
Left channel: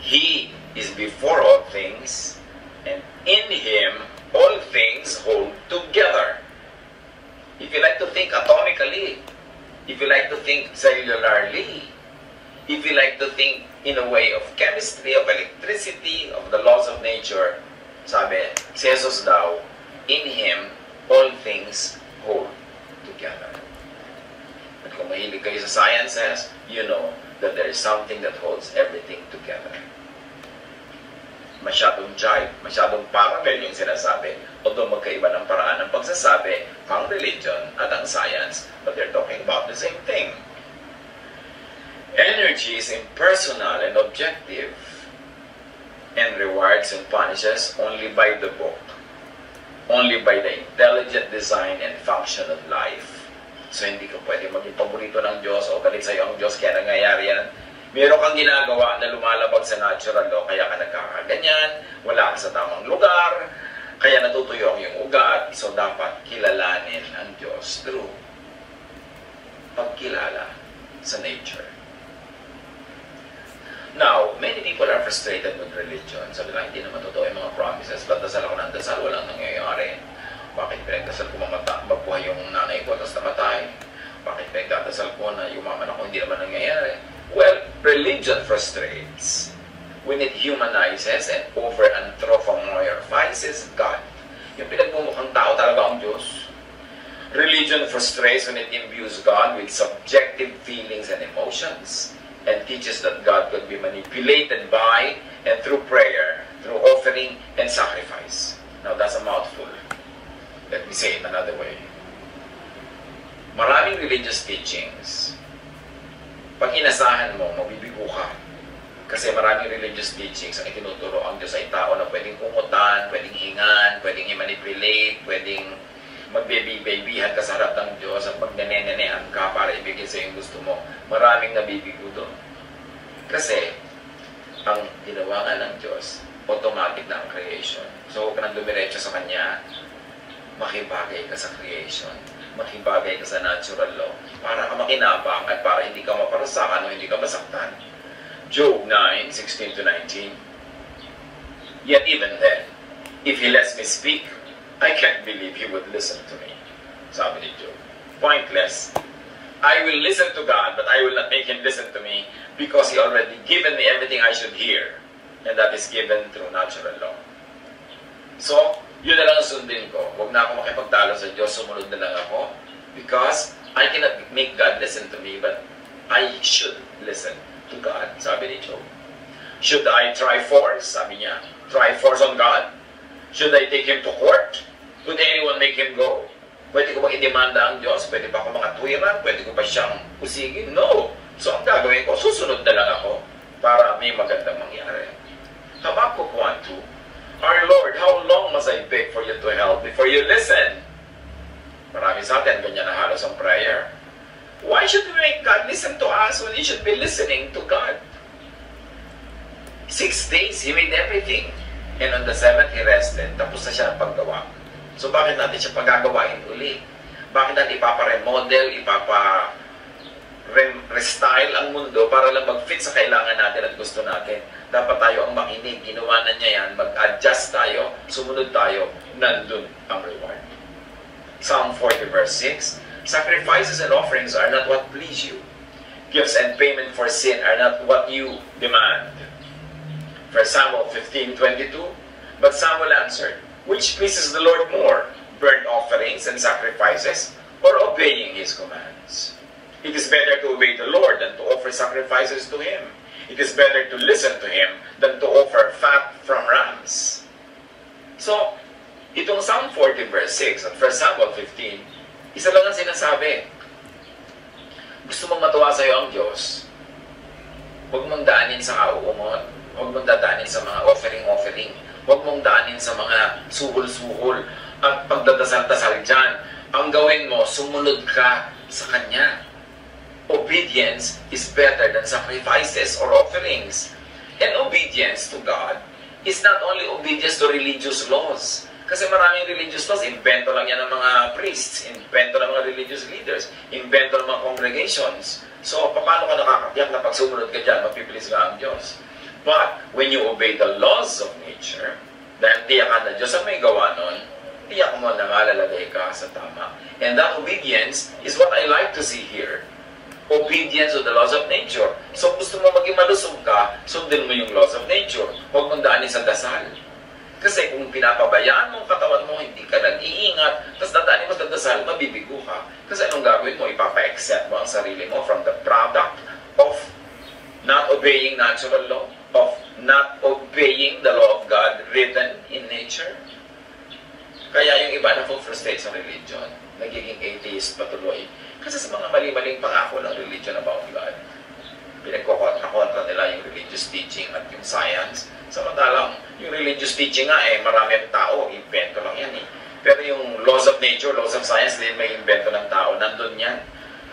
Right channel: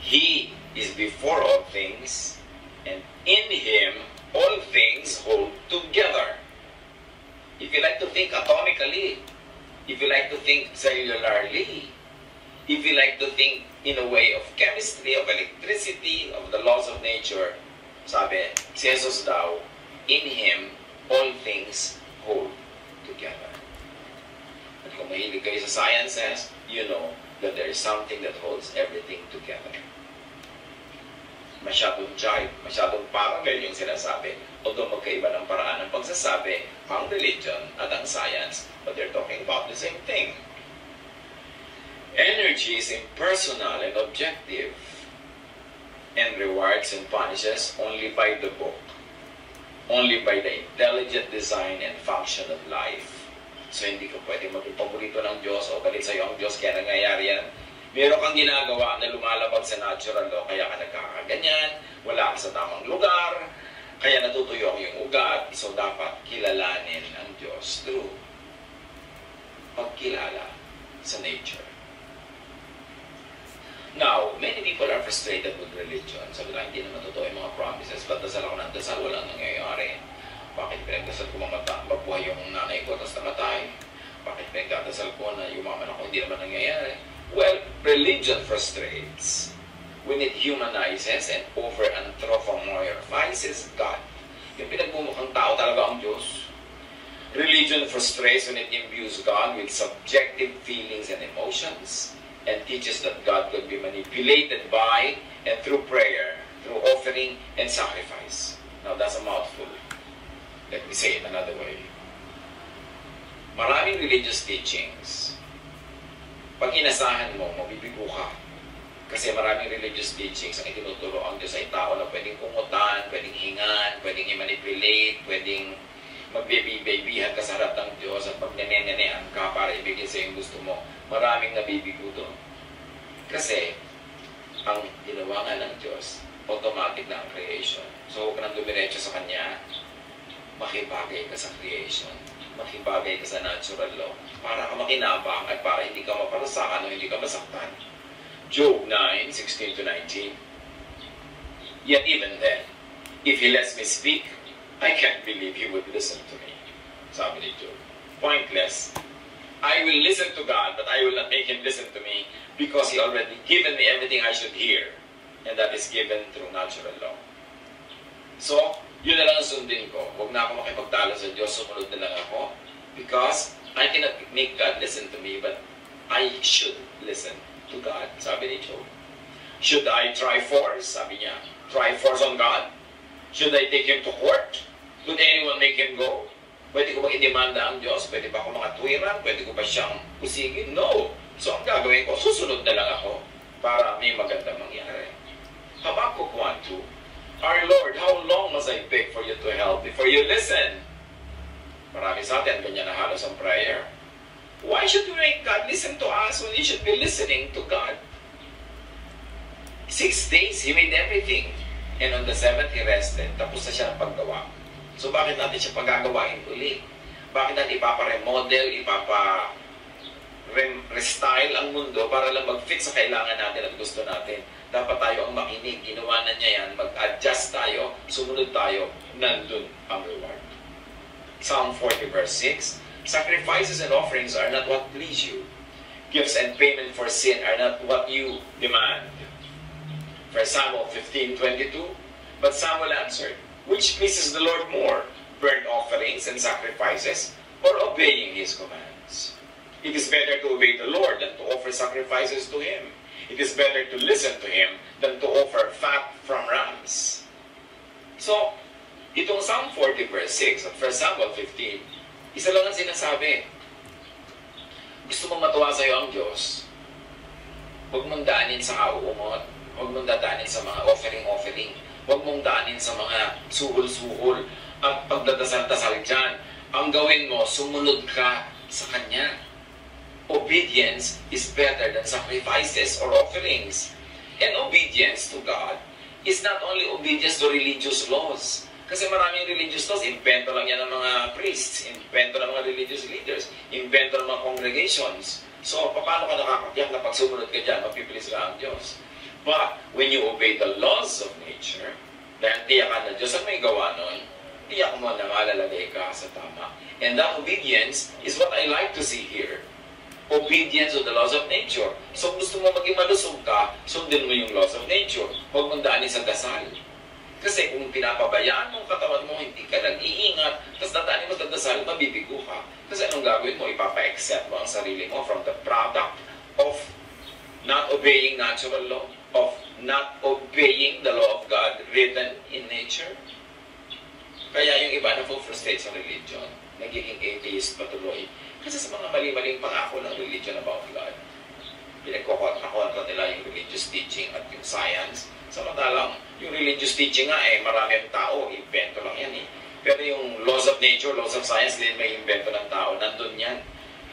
He is before all things, and in Him all things hold together. If you like to think atomically, if you like to think cellularly, if you like to think in a way of chemistry, of electricity, of the laws of nature, sabi, si Jesus daw, in Him, all things hold together. At kung mahilig kayo sa sciences, you know that there is something that holds everything together. Masyadong jive, masyadong parallel yung sinasabi. Although magkaiba ng paraan ng pagsasabi, ang religion at ang science, but they're talking about the same thing. Energy is impersonal and objective, and rewards and punishes only by the book, only by the intelligent design and function of life. So hindi ka pwede maging paborito ng Diyos o galit sa'yo ang Diyos kaya nangyayari yan. Meron kang ginagawa na lumalabag sa natural law kaya ka nagkakaganyan, wala ka sa tamang lugar, kaya natutuyo ang iyong ugat. So dapat kilalanin ang Diyos through pagkilala sa nature. Now, many people are frustrated with religion. Sabi lang, hindi naman totoo yung mga promises. Ba't dasal ako ng dasal? Walang nangyayari. Bakit pinagdasal ko magbuhay yung nanay ko tapos namatay? Bakit pinagdasal ko na yumaman ako? Hindi naman nangyayari. Well, religion frustrates when it humanizes and over-anthropomorphizes God. Yung pinagmumukhang tao talaga ang Diyos. Religion frustrates when it imbues God with subjective feelings and emotions, and teaches that God could be manipulated by and through prayer, through offering and sacrifice. Now that's a mouthful. Let me say it another way. Maraming religious teachings, pag inasahan mo, mabibigo ka. Kasi maraming religious teachings ang itinuturo ang Diyos ay tao na pwedeng kumutan, pwedeng hingan, pwedeng i-manipulate, pwedeng magbebi-babyhan ka sa harap ng Diyos at magnene-nenean ka para ibigay sa yung gusto mo. Maraming nabibigo doon. Kasi, ang ginawa nga ng Diyos, automatic na ang creation. So, huwag ka nang dumiretso sa Kanya, makibagay ka sa creation. makibagay ka sa natural law para ka makinabang at para hindi ka maparusakan o hindi ka masaktan. Job 9:16 to 19. Yet even then, if he lets me speak, I can't believe he would listen to me. Sabi ni Job. Pointless. I will listen to God, but I will not make him listen to me because he already given me everything I should hear. And that is given through natural law. So, yun na lang sundin ko. Huwag na ako makipagtalo sa Diyos, sumunod na lang ako. Because I cannot make God listen to me, but I should listen to God. Sabi ni Job. Should I try force? Sabi niya. Try force on God? Should I take him to court? Would anyone make him go? Pwede ko bang idemanda ang Diyos? Pwede pa ako makatwiran? Pwede ko ba siyang usigin? No. So ang gagawin ko, susunod na lang ako para may magandang mangyari. Habakkuk 1:2. Our Lord, how long must I beg for you to help before you listen? Marami sa atin, ganyan na halos ang prayer. Why should we make God listen to us when He should be listening to God? 6 days, He made everything. And on the 7th, He rested. Tapos na siya ang paggawa. So bakit natin siya pagagawain uli? Bakit natin ipapa-remodel, ipapa-restyle ang mundo para lang mag-fit sa kailangan natin at gusto natin? Dapat tayo ang makinig. Ginawa na niya yan. Mag-adjust tayo. Sumunod tayo. Nandun ang reward. Psalm 40 verse 6. Sacrifices and offerings are not what please you. Gifts and payment for sin are not what you demand. 1 Samuel 15:22. But Samuel answered, which pleases the Lord more, burnt offerings and sacrifices, or obeying His commands? It is better to obey the Lord than to offer sacrifices to Him. It is better to listen to Him than to offer fat from rams. So, itong Psalm 40 verse 6 at 1 Samuel 15, isa lang ang sinasabi. Gusto mong matuwa sa iyo ang Diyos, huwag mong daanin sa auumot, huwag mong dadaanin sa mga offering, huwag mong daanin sa mga suhol-suhol at pagdadasal-dasal dyan. Ang gawin mo, sumunod ka sa Kanya. Obedience is better than sacrifices or offerings. And obedience to God is not only obedience to religious laws. Kasi maraming religious laws, invento lang yan ng mga priests, invento ng mga religious leaders, invento ng mga congregations. So, paano ka nakakatiyak na pag sumunod ka dyan, mapipilis ka ang Diyos? But, when you obey the laws of nature, dahil tiyakan na Diyos ang may gawa nun, tiyak mo na malalagay ka sa tama. And that obedience is what I like to see here. Obedience to the laws of nature. So, gusto mo maging malusog ka, sundin mo yung laws of nature. Huwag mong daanin sa dasal. Kasi kung pinapabayaan mo ang katawan mo, hindi ka nag-iingat, tapos dadaanin mo sa dasal, mabibigo ka. Kasi anong gagawin mo? Ipapa-accept mo ang sarili mo from the product of not obeying natural law, of not obeying the law of God written in nature. Kaya yung iba na frustrate sa religion, nagiging atheist patuloy. Kasi sa mga mali-maling pangako ng religion about God, pinagkokontra nila yung religious teaching at yung science. Samantalang, yung religious teaching nga marami ang tao, invento lang yan Pero yung laws of nature, laws of science, din may invento ng tao, nandun yan.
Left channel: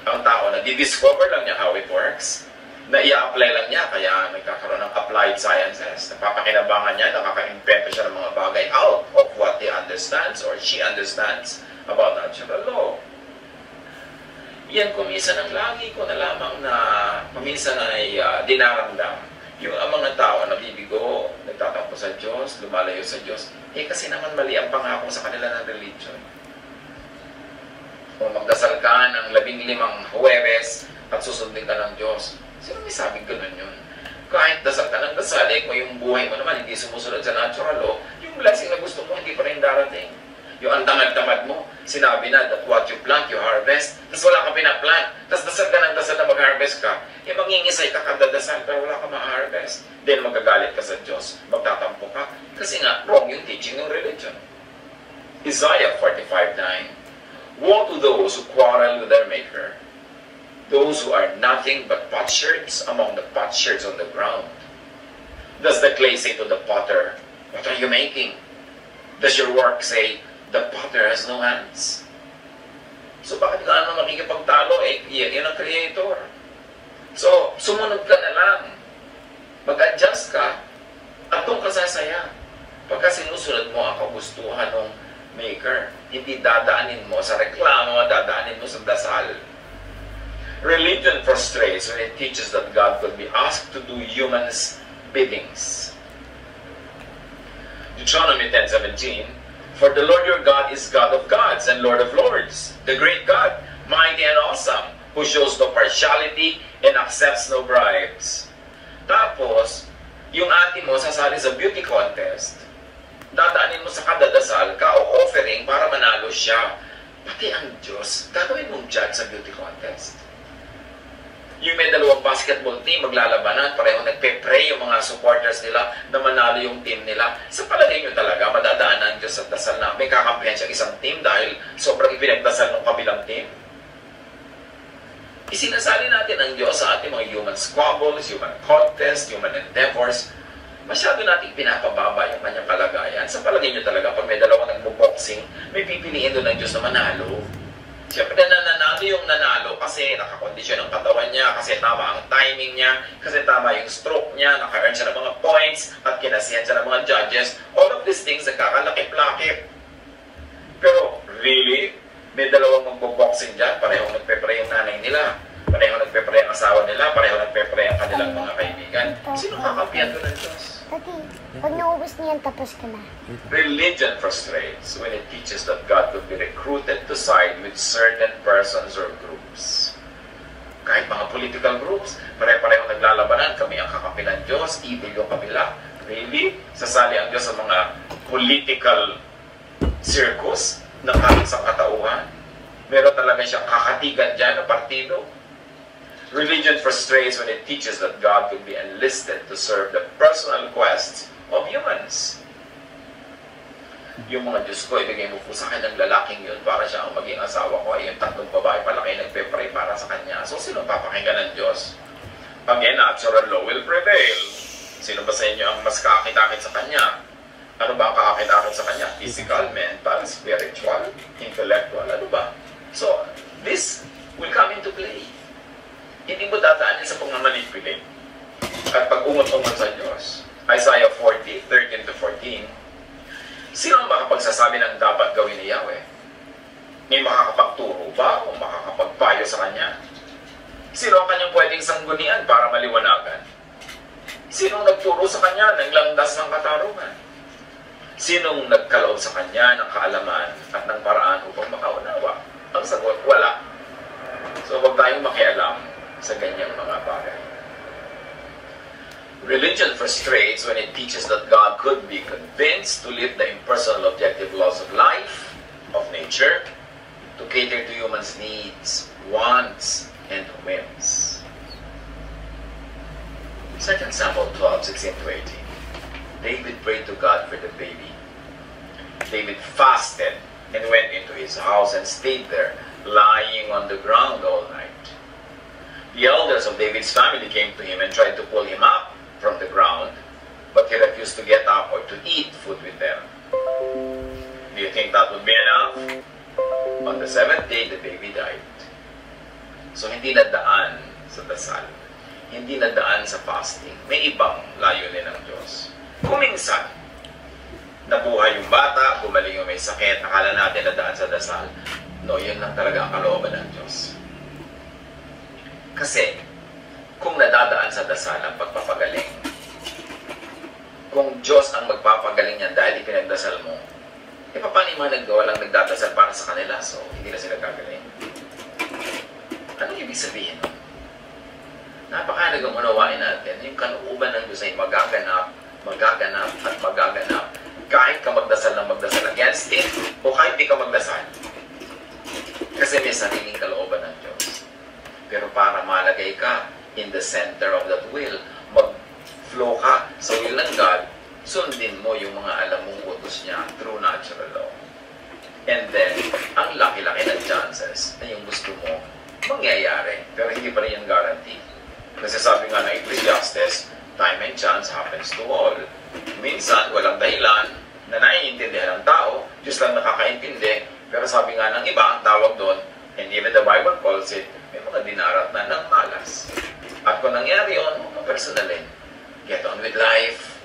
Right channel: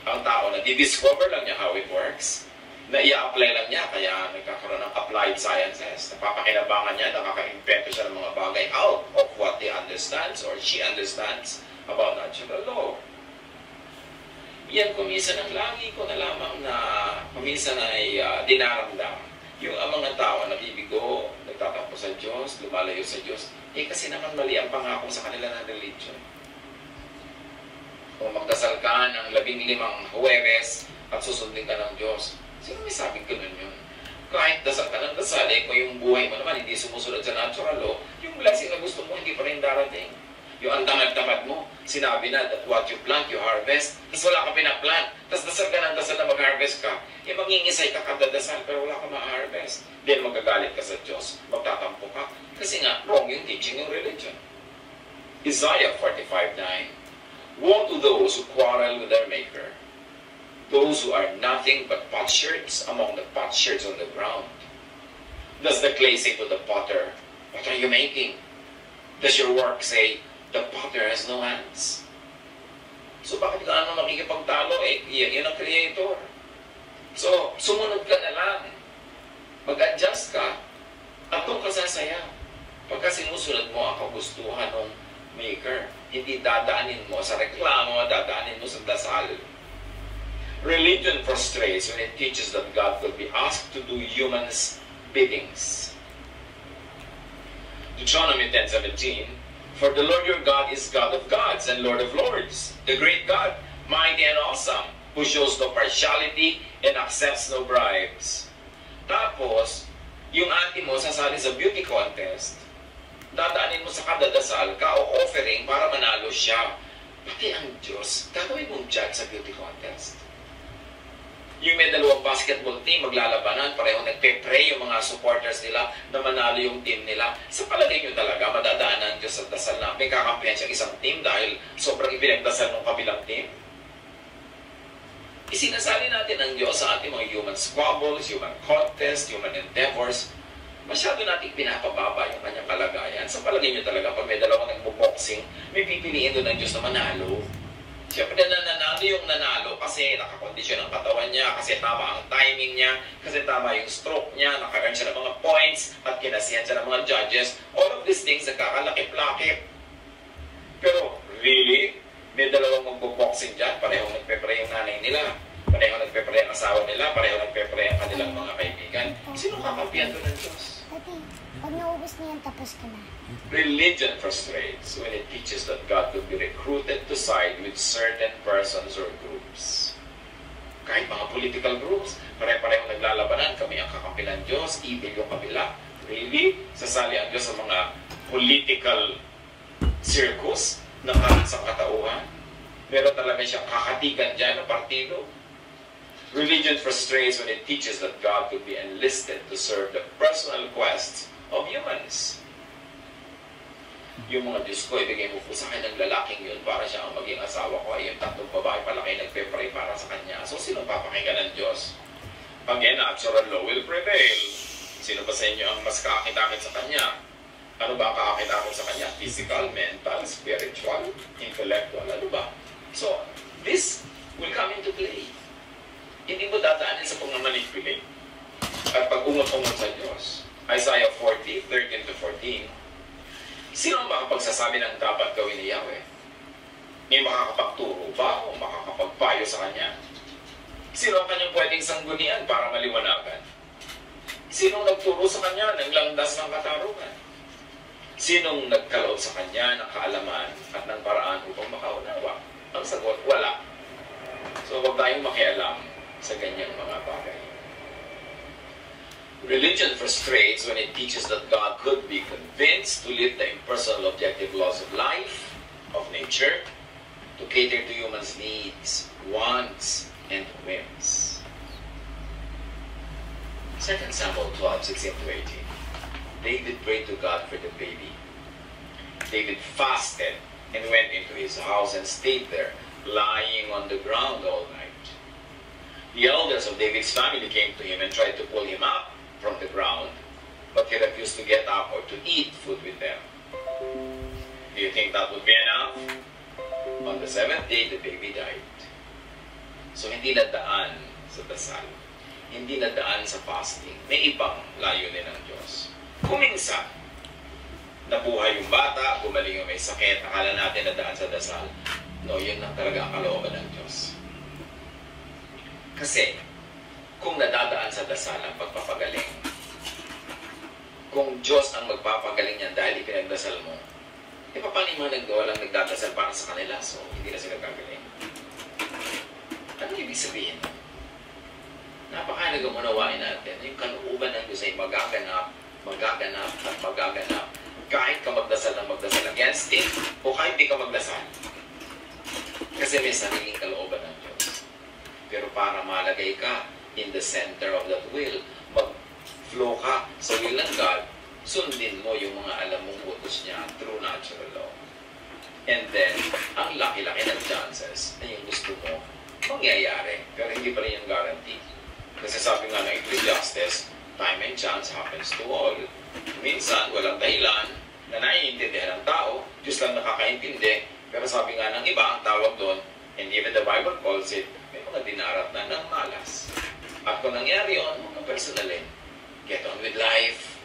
Ang tao, nadi-discover lang niya how it works. Na i-apply lang niya, kaya nagkakaroon ng applied sciences. Napapakinabangan niya, nakaka-invento siya ng mga bagay out of what he understands or she understands about natural law. Yan kuminsan ang lagi ko na lamang na kuminsan ay dinaramdam. Yung mga tao na bibigo, nagtatampo sa Diyos, lumalayo sa Diyos, kasi naman mali ang pangako sa kanila ng religion. Kung magdasal ka ng 15 Huwebes at susundin ka ng Diyos, sino may sabing ganun yun? Kahit dasal ka ng dasal, kung yung buhay mo naman hindi sumusunod sa natural law, yung blessing na gusto mo hindi pa rin darating. Yung ang tamad-tamad mo, sinabi na that what you plant, you harvest. Tapos wala ka pinaplant. Tapos dasal ka ng dasal na mag-harvest ka. Mangingisay ka kada dasal pero wala ka ma-harvest. Then magagalit ka sa Diyos. Magtatampo ka. Kasi nga, wrong yung teaching ng religion. Isaiah 45:9. Woe to those who quarrel with their maker. Those who are nothing but potsherds among the potsherds on the ground. Does the clay say to the potter, what are you making? Does your work say, the potter has no hands? So bakit ka naman makikipagtalo? Yan ang creator. So, sumunod ka na lang. Mag-adjust ka at doon ka sasaya. Pagka sinusunod mo ang kagustuhan ng maker. Hindi dadaanin mo sa reklamo, dadaanin mo sa dasal. Religion frustrates when it teaches that God could be asked to do humans' biddings. Deuteronomy 10:17, "For the Lord your God is God of gods and Lord of lords, the great God, mighty and awesome, who shows no partiality and accepts no bribes." Tapos, yung ate mo sasali sa beauty contest, dadaanin mo sa kadadasal ka o offering para manalo siya. Pati ang Diyos, gagawin mong judge sa beauty contest. Yung may dalawang basketball team, maglalabanan, pareho nagpe-pray yung mga supporters nila na manalo yung team nila. Sa palagay nyo talaga, madadaanan Diyos sa dasal na may kakampihan siyang isang team dahil sobrang ipinagdasal ng kabilang team? Isinasali natin ang Diyos sa ating mga human squabbles, human contests, human endeavors. Masyado natin pinapababa yung kanyang kalagayan. Sa palagay nyo talaga, pag may dalawang nagbo-boxing, may pipiliin doon ng Diyos na manalo. Siyempre nananalo yung nanalo kasi nakakondisyon ang katawan niya, kasi tama ang timing niya, kasi tama yung stroke niya, naka-earn siya ng mga points, at kinasihan siya ng mga judges. All of these things nagkakalakip-lakip. Pero really, may dalawang magbo-boxing dyan, pareho nagpe-pray ang nanay nila, pareho nagpe-pray ang asawa nila, pareho nagpe-pray ang kanilang mga kaibigan. Sino kakampihan doon ng Diyos? Pag naubos niyan, tapos ka na. Religion frustrates when it teaches that God could be recruited to side with certain persons or groups. Kahit mga political groups, pare-pareho naglalabanan, kami ang kakampi ng Diyos, evil yung kabila. Really? Sasali ang Diyos sa mga political circus ng ating sangkatauhan? Meron talaga siyang kakatigan dyan na partido? Religion frustrates when it teaches that God could be enlisted to serve the personal quests of humans. Yung mga Diyos ko, ibigay mo po sa akin ng lalaking yun para siya ang maging asawa ko. Ay, yung tatlong babae pala kayo nagpe-pray para sa kanya. So, sino papakinggan ng Diyos? Again, natural law will prevail. Sino ba sa inyo ang mas kaakit-akit sa kanya? Ano ba ang kaakit-akit sa kanya? Physical, mental, spiritual, intellectual, ano ba? So, this will come into play. Hindi mo dadaanin sa pagmamanipulate at pag-umot-umot sa Diyos. Isaiah 40, 13-14. Sino ang makapagsasabi ng dapat gawin ni Yahweh? May makakapagturo ba o makakapagpayo sa Kanya? Sino ang Kanyang pwedeng sanggunian para maliwanagan? Sinong nagturo sa Kanya ng landas ng katarungan? Sinong nagkaloob sa Kanya ng kaalaman at ng paraan upang makaunawa? Ang sagot, wala. So, huwag tayong makialam sa ganyang mga bagay. Religion frustrates when it teaches that God could be convinced to live the impersonal objective laws of life, of nature, to cater to humans' needs, wants, and whims. 2 Samuel 12:16-18. David prayed to God for the baby. David fasted and went into his house and stayed there, lying on the ground all night. The elders of David's family came to him and tried to pull him up from the ground, but he refused to get up or to eat food with them. Do you think that would be enough? On the 7th day, the baby died. So hindi nadaan sa dasal. Hindi nadaan sa fasting. May ibang layunin ng Diyos. Kung minsan, nabuhay yung bata, gumaling yung may sakit, akala natin nadaan sa dasal. No, yun lang talaga ang kalooban ng Diyos. Kasi, kung nadadaan sa dasal ang pagpapagaling, kung Diyos ang magpapagaling niyan dahil ipinagdasal mo, e paano yung mga walang nagdadasal para sa kanila, so hindi na sila gagaling? Anong ibig sabihin? Napakahalagang unawain natin, yung kalooban ng Diyos ay magaganap, magaganap, at magaganap, kahit ka magdasal ng magdasal against it, o kahit di ka magdasal. Kasi may sariling kalooban ng Diyos. Pero para malagay ka in the center of that will, mag-flow ka sa will ng God, sundin mo yung mga alam mong utos niya through natural law. And then, ang laki-laki ng chances na yung gusto mo mangyayari. Pero hindi pa rin yung guarantee. Kasi sabi nga ng Ecclesiastes, time and chance happens to all. Minsan, walang dahilan na naiintindihan ng tao, Diyos lang nakakaintindi. Pero sabi nga ng iba, ang tawag doon, and even the Bible calls it, may mga dinarat na ng malas. At kung nangyari yun, mga personalin, get on with life.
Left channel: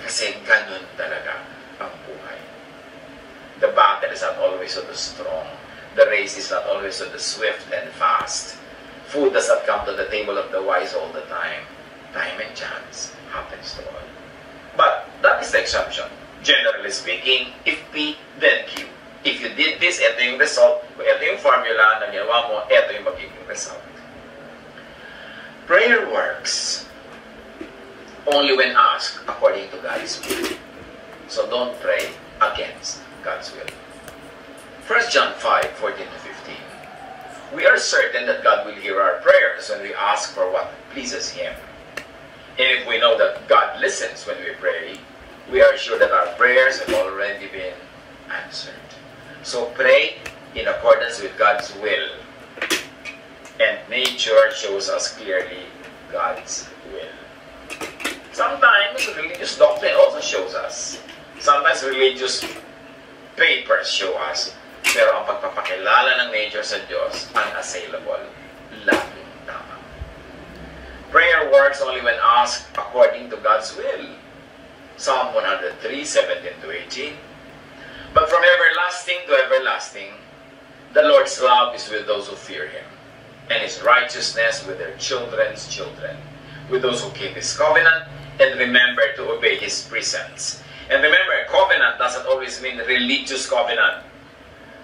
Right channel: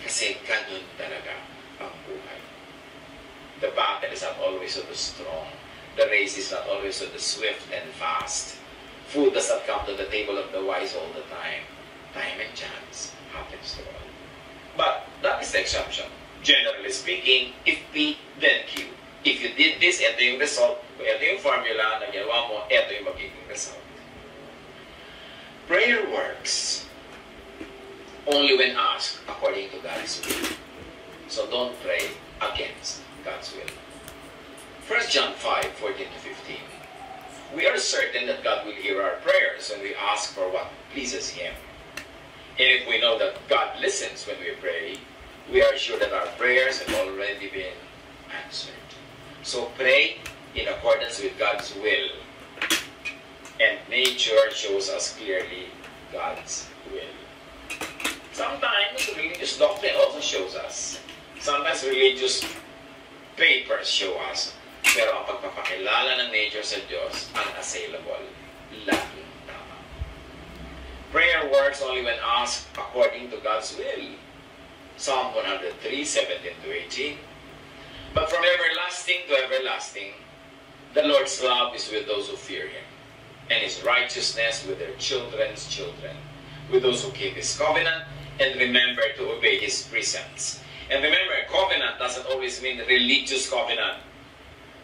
Kasi ganun talaga ang buhay. The battle is not always so strong. The race is not always so swift and fast. Food does not come to the table of the wise all the time. Time and chance happens to all. But that is the exception. Generally speaking, if P, then Q. If you did this, ito yung result. Kung ito yung formula na ginawa mo, ito yung magiging result. Prayer works only when asked according to God's will. So don't pray against God's will. 1 John 5:14 to 15. We are certain that God will hear our prayers when we ask for what pleases Him. And if we know that God listens when we pray, we are sure that our prayers have already been answered. So pray in accordance with God's will. And nature shows us clearly God's will. Sometimes religious doctrine also shows us. Sometimes religious papers show us. Pero ang pagpapakilala ng nature sa Diyos, unassailable, laging tama. Prayer works only when asked according to God's will. Psalm 103:17 to 18. But from everlasting to everlasting, the Lord's love is with those who fear Him, and His righteousness with their children's children, with those who keep His covenant and remember to obey His precepts. And remember, covenant doesn't always mean religious covenant,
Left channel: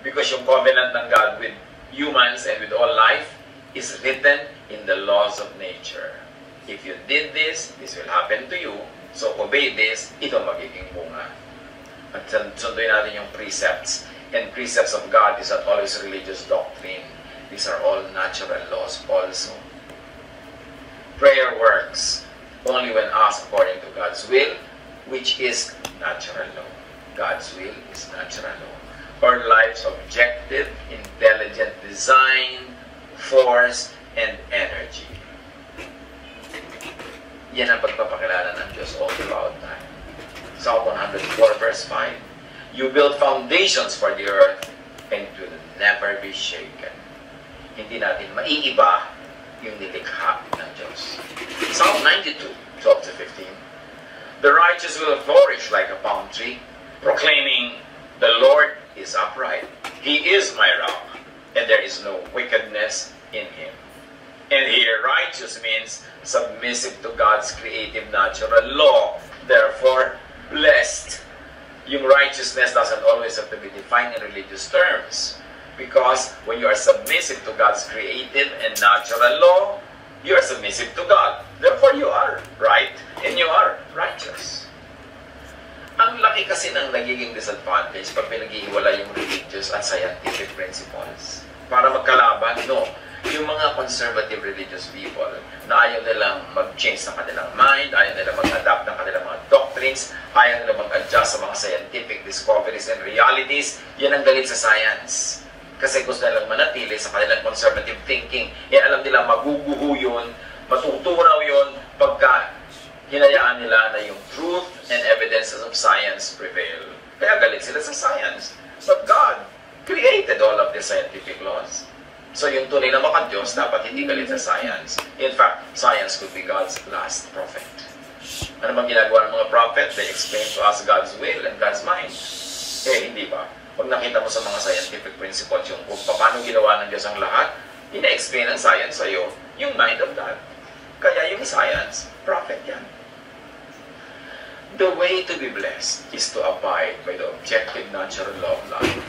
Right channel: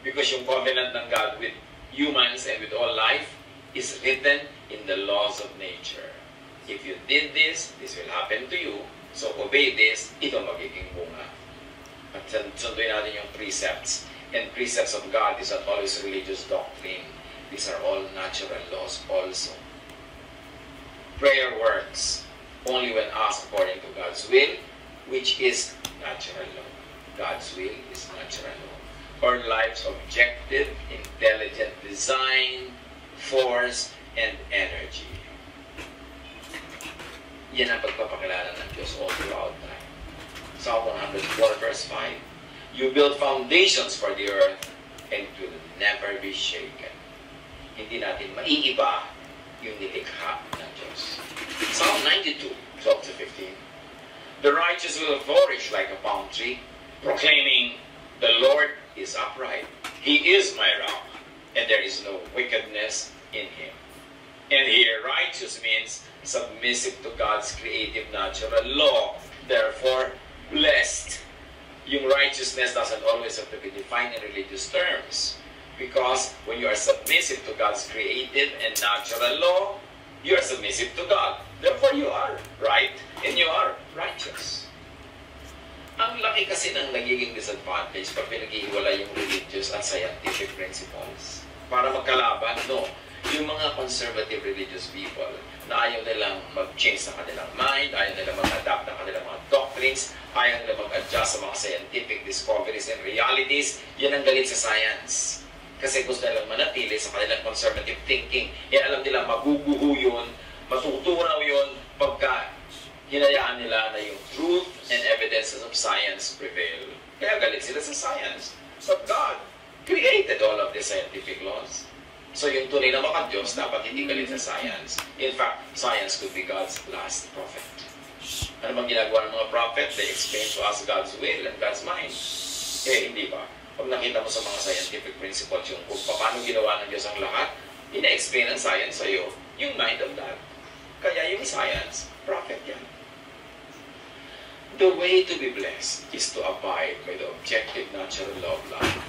because yung covenant ng God with humans and with all life is written in the laws of nature. If you did this, this will happen to you. So obey this, ito magiging bunga. At sunduin natin yung precepts. And precepts of God is not always religious doctrine. These are all natural laws also. Prayer works only when asked according to God's will, which is natural law. God's will is natural law. Our life's objective, intelligent design, force, and energy. Yan ang pagpapakilala ng Diyos all throughout time. Psalm 104 verse 5. You build foundations for the earth and it will never be shaken. Hindi natin maiiba yung nilikha ng Diyos. Psalm 92, 12 to 15. The righteous will flourish like a palm tree, proclaiming, the Lord is upright. He is my rock, and there is no wickedness in Him. And here, righteous means submissive to God's creative natural law. Therefore, blessed. Yung righteousness doesn't always have to be defined in religious terms. Because when you are submissive to God's creative and natural law, you are submissive to God. Therefore, you are right and you are righteous. Ang laki kasi ng nagiging disadvantage pag pinag-iiwala yung religious at scientific principles. Para magkalaban, no. Yung mga conservative religious people na ayaw nilang mag-change ng kanilang mind, ayaw nilang mag-adapt ng kanilang mga doctrines, ayaw nilang mag-adjust sa mga scientific discoveries and realities, yan ang galit sa science. Kasi gusto nilang manatili sa kanilang conservative thinking. Yan alam nila maguguho yun, matutunaw yun pagka hinayaan nila na yung truth and evidences of science prevail. Kaya galit sila sa science. But God created all of the scientific laws. So yung tunay na maka-Diyos, dapat hindi galit sa science. In fact, science could be God's last prophet. Ano bang ginagawa ng mga prophet? They explain to us God's will and God's mind. Eh, hindi ba? Pag nakita mo sa mga scientific principles, yung kung paano ginawa ng Diyos ang lahat, ina-explain ng science sa'yo yung mind of God. Kaya yung science, prophet yan. The way to be blessed is to abide by the objective natural law of life.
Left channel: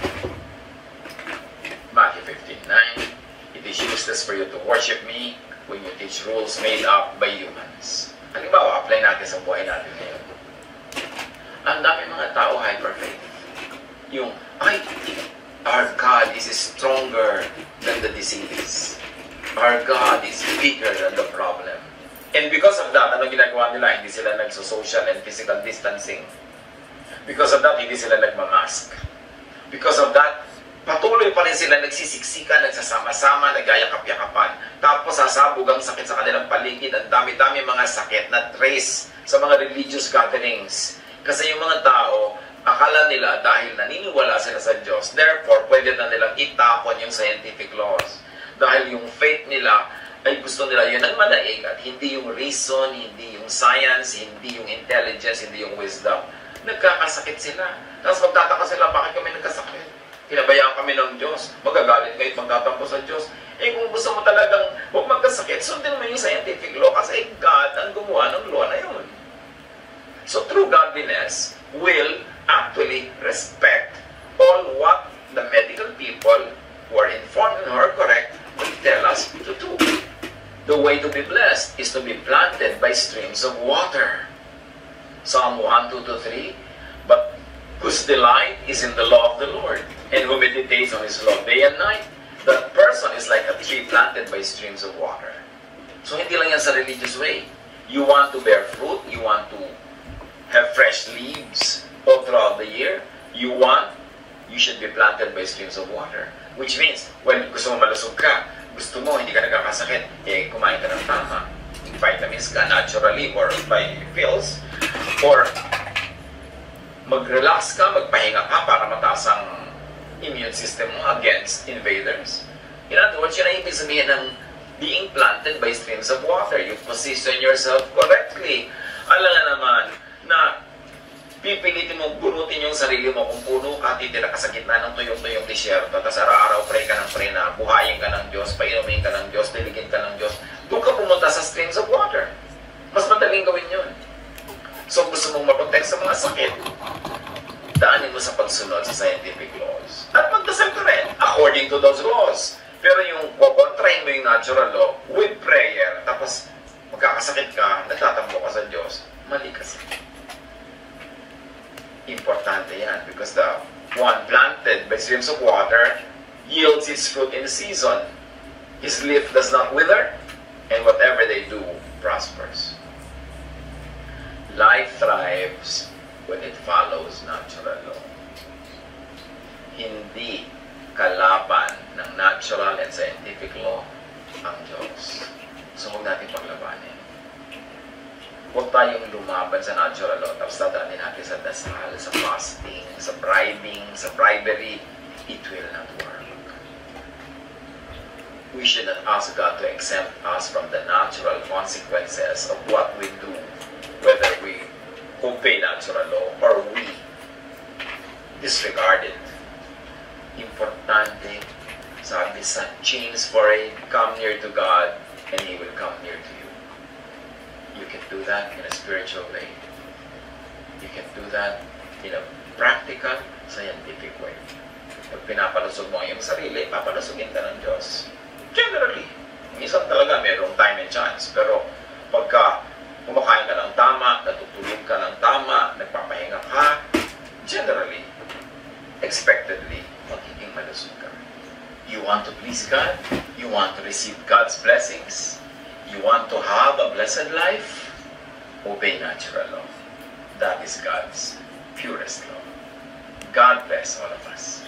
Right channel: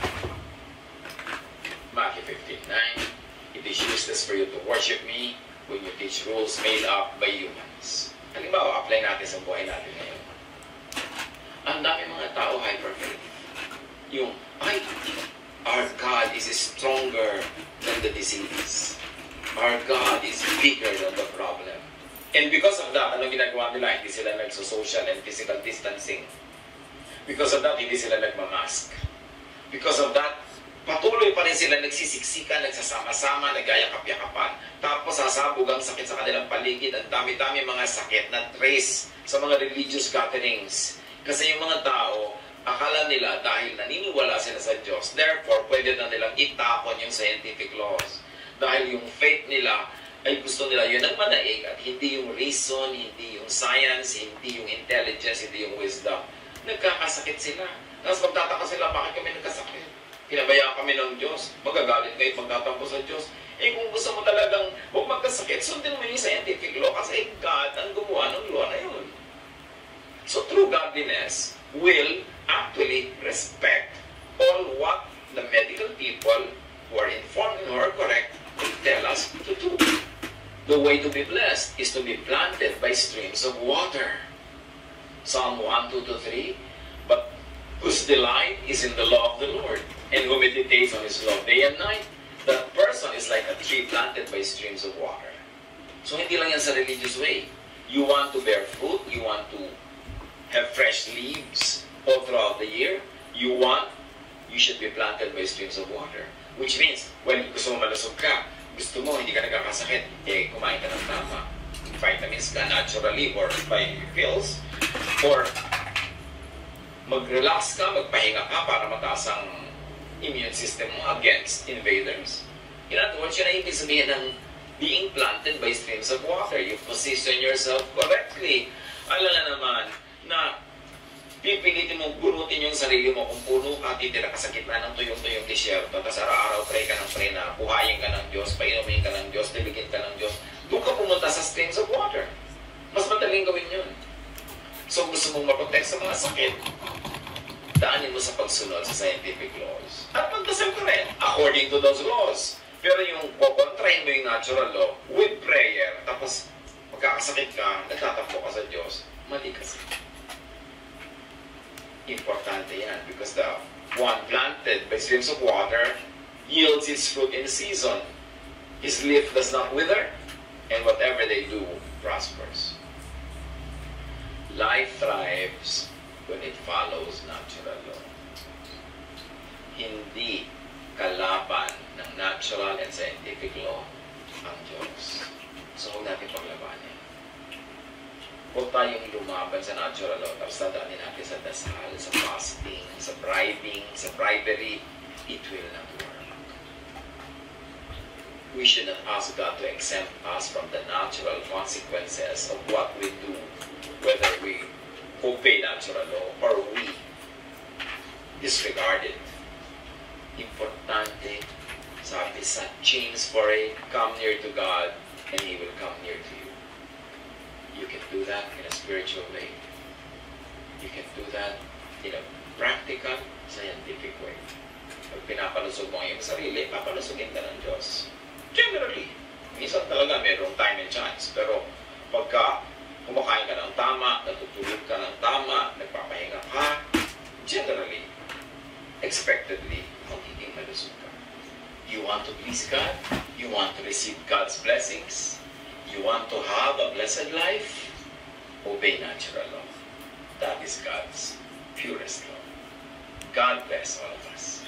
Matthew 15:9. It is useless for you to worship me when you teach rules made up by humans. Halimbawa, apply natin sa buhay natin ngayon. Ang dami mga tao hyper-faith. Yung, our God is stronger than the disease. Our God is bigger than the problem. And because of that, ano ginagawa nila? Hindi sila nagso-social and physical distancing. Because of that, hindi sila nagmamask. Because of that, patuloy pa rin sila nagsisiksikan, nagsasama-sama, nagayakap-yakapan. Tapos sasabog ang sakit sa kanilang paligid. Ang dami-dami mga sakit na trace sa mga religious gatherings. Kasi yung mga tao, akala nila dahil naniniwala sila sa Diyos, therefore, pwede na nilang itapon yung scientific laws. Dahil yung faith nila, ay gusto nila yun ang manaig at hindi yung reason, hindi yung science, hindi yung intelligence, hindi yung wisdom. Nagkakasakit sila. Tapos magtataka sila, bakit kami nagkasakit? Pinabayaan kami ng Diyos. Magagalit kayo at magtatampo sa Diyos. Eh kung gusto mo talagang huwag magkasakit, sundin mo yung scientific law kasi God ang gumawa ng law na yun. So true godliness will actually respect all what the medical people who are informed and who are correct will tell us to do. The way to be blessed is to be planted by streams of water. Psalm 1, 2 to 3, but whose delight is in the law of the Lord, and who meditates on his law day and night, that person is like a tree planted by streams of water. So hindi lang yan sa religious way. You want to bear fruit, you want to have fresh leaves all throughout the year, you should be planted by streams of water. Which means, when gusto mo malusog ka, gusto mo hindi ka nagkakasakit, eh kumain ka ng tama. Vitamins ka naturally or by pills, or mag-relax ka, magpahinga ka para mataas ang immune system mo against invaders. In other words, yun ang ibig sabihin ng being planted by streams of water. You position yourself correctly. Alam na naman na pipilitin mo, bunutin yung sarili mo kung puno ka, titira ka sa gitna ng tuyong-tuyong disyerto, tapos araw-araw pray ka ng pray na buhayin ka ng Diyos, painumin ka ng Diyos, diligin ka ng Diyos. Doon ka pumunta sa streams of water. Mas madaling gawin yun. So gusto mong maprotect sa mga sakit, daanin mo sa pagsunod sa scientific laws. At magdasal ka rin, according to those laws. Pero yung kukontrahin mo yung natural law with prayer, tapos magkakasakit ka, nagtatampo ka sa Diyos, mali kasi. Importante yan because the one planted by streams of water yields its fruit in season. His leaf does not wither, and whatever they do prospers. Life thrives when it follows natural law. Hindi kalaban ng natural and scientific law ang Diyos. So huwag natin paglabanin. Huwag tayong lumaban sa natural law tapos dadaanin natin sa dasal, sa fasting, sa bribing, sa bribery. It will not work. We should not ask God to exempt us from the natural consequences of what we do, whether we obey natural law or we disregard it. Importante, sabi sa James 4:8, come near to God and He will come near to you. You can do that in a spiritual way. You can do that in a practical, scientific way. Pag pinapalusog mo ang iyong sarili, papalusugin ka ng Diyos. Generally, minsan talaga mayroong time and chance. Pero pagka kumakain ka ng tama, natutulog ka ng tama, nagpapahinga ka, generally, expectedly, magiging malusog ka. You want to please God? You want to receive God's blessings? You want to have a blessed life? Obey natural law. That is God's purest law. God bless all of us.